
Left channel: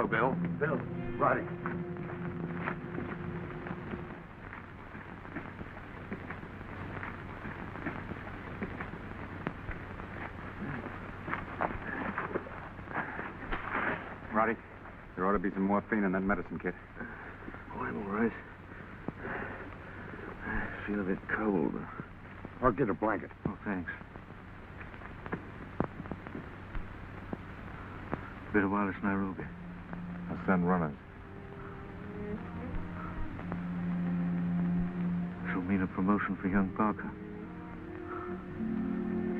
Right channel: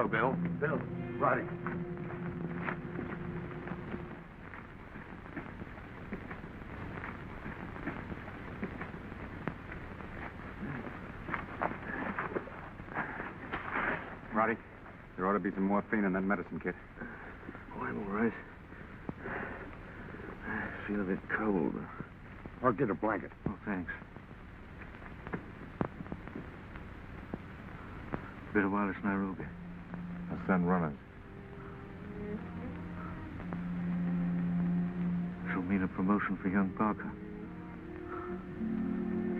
Hello, Bill. Bill, Roddy. Roddy, there ought to be some morphine in that medicine kit. Oh, I'm all right. I feel a bit cold. I'll get a blanket. Oh, thanks. Been a while since Nairobi. I'll send runners. This'll mean a promotion for young Parker.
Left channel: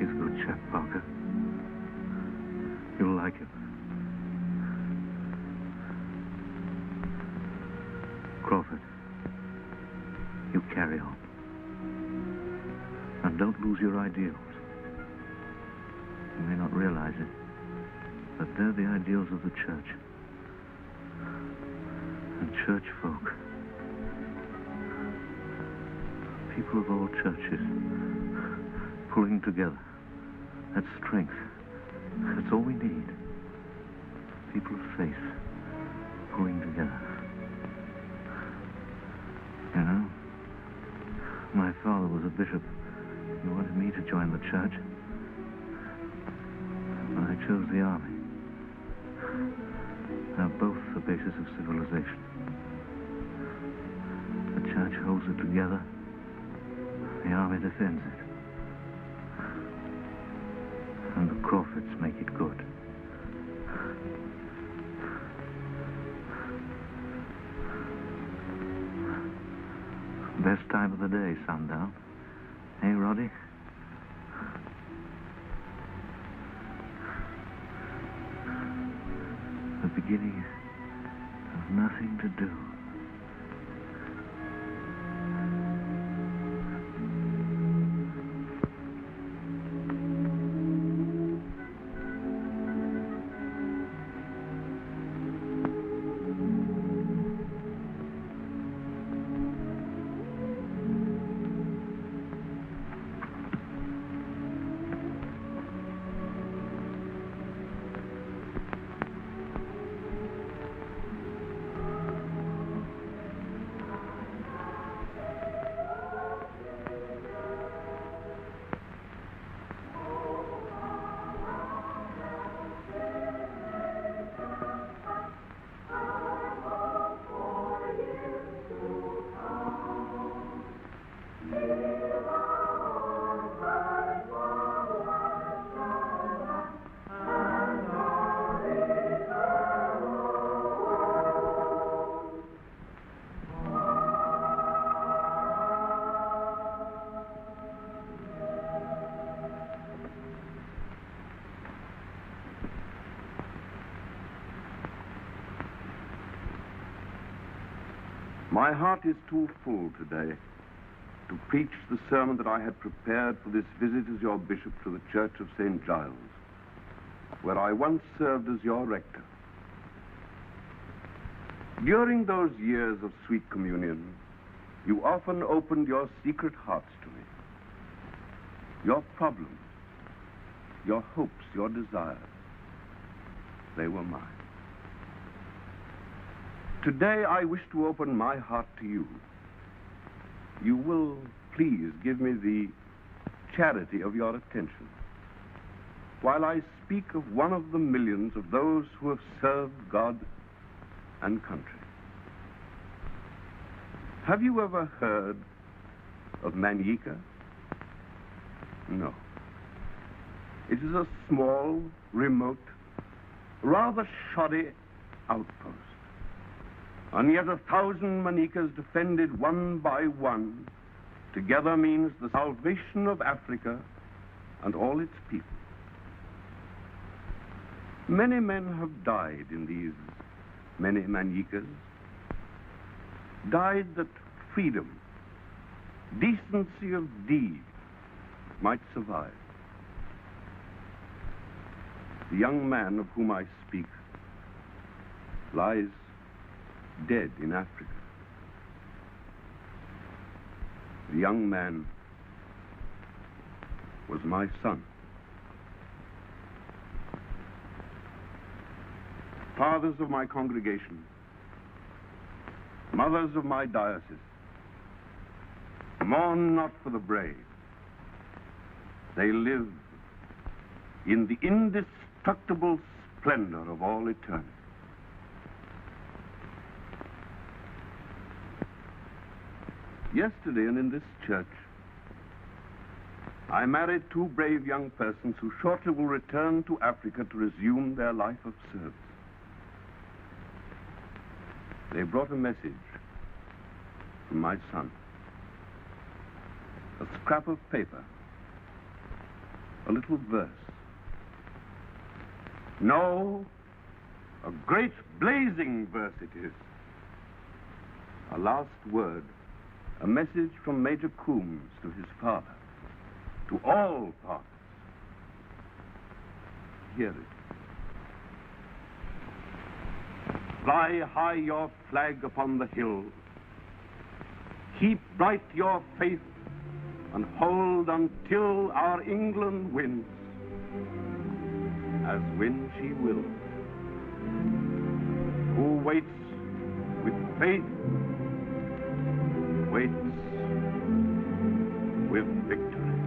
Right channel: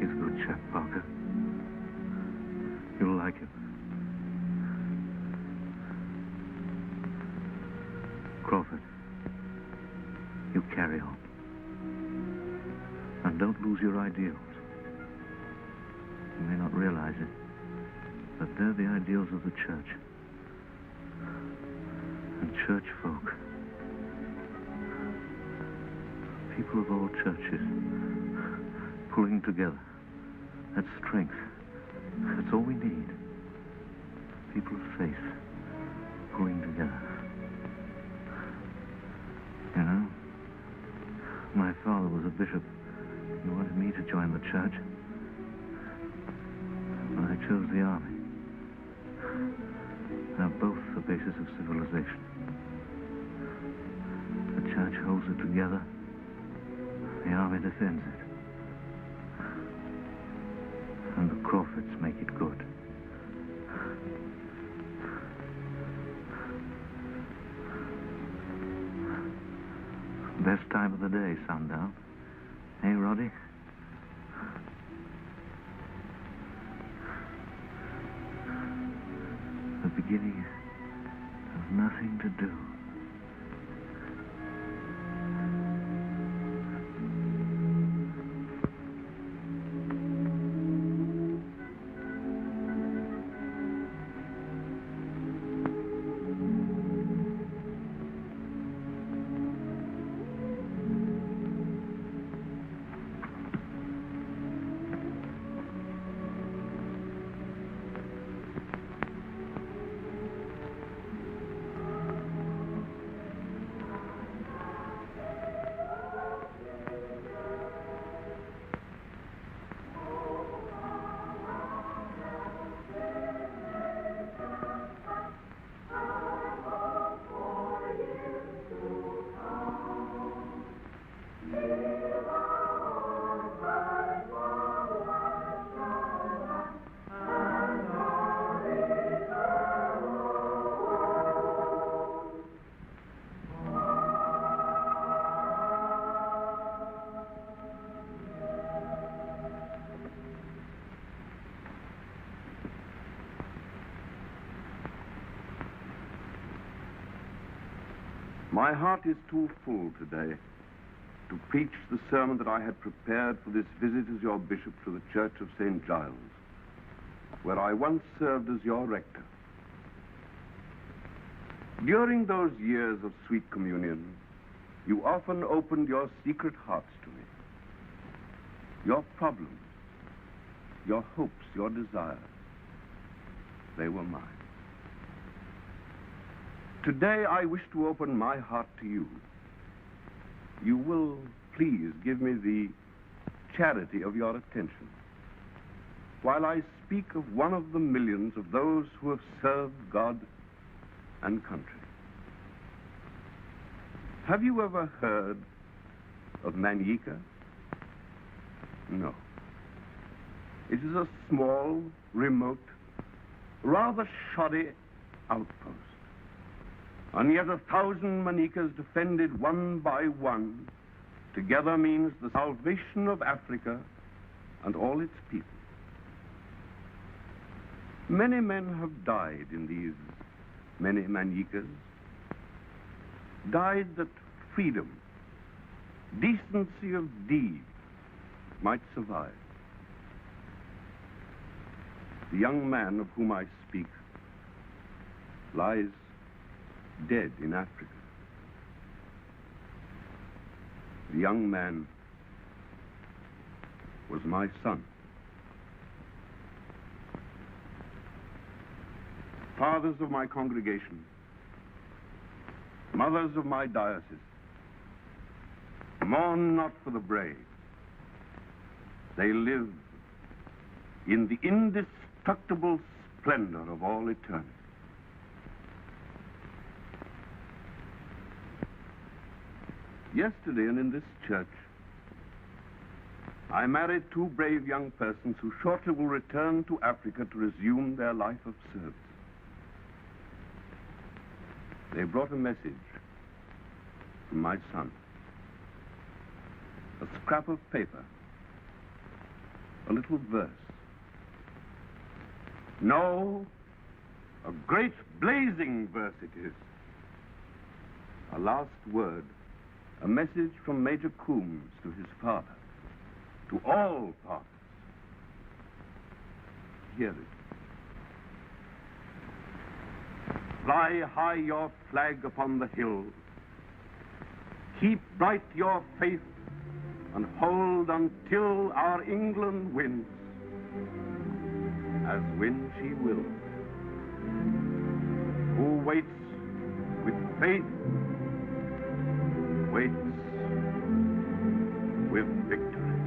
He's a good chap, Parker. You'll like him. Crawford, you carry on. And don't lose your ideals. You may not realize it, but they're the ideals of the church. And church folk. People of all churches pulling together. That's strength. That's all we need. People of faith pulling together. You know, my father was a bishop. He wanted me to join the church. But I chose the army. They're both the basis of civilization. The church holds it together. The army defends it. And the Crawfords make it good. Best time of the day, Sundown. Hey, Roddy? The beginning of nothing to do. My heart is too full today to preach the sermon that I had prepared for this visit as your bishop to the Church of St. Giles, where I once served as your rector. During those years of sweet communion, you often opened your secret hearts to me. Your problems, your hopes, your desires, they were mine. Today, I wish to open my heart to you. You will please give me the charity of your attention while I speak of one of the millions of those who have served God and country. Have you ever heard of Manyika? No. It is a small, remote, rather shoddy outpost. And yet 1,000 Manikas defended one by one together means the salvation of Africa and all its people. Many men have died in these many Manikas, died that freedom, decency of deed might survive. The young man of whom I speak lies dead in Africa. The young man was my son. fathers of my congregation, mothers of my diocese, mourn not for the brave. They live in the indestructible splendor of all eternity. Yesterday, and in this church, I married two brave young persons who shortly will return to Africa to resume their life of service. They brought a message from my son. A scrap of paper, a little verse. No, a great blazing verse it is. A last word, a message from Major Coombs to his father, to all fathers. Hear it. Fly high your flag upon the hill. Keep bright your faith and hold until our England wins, as win she will. Who waits with faith, waits with victory.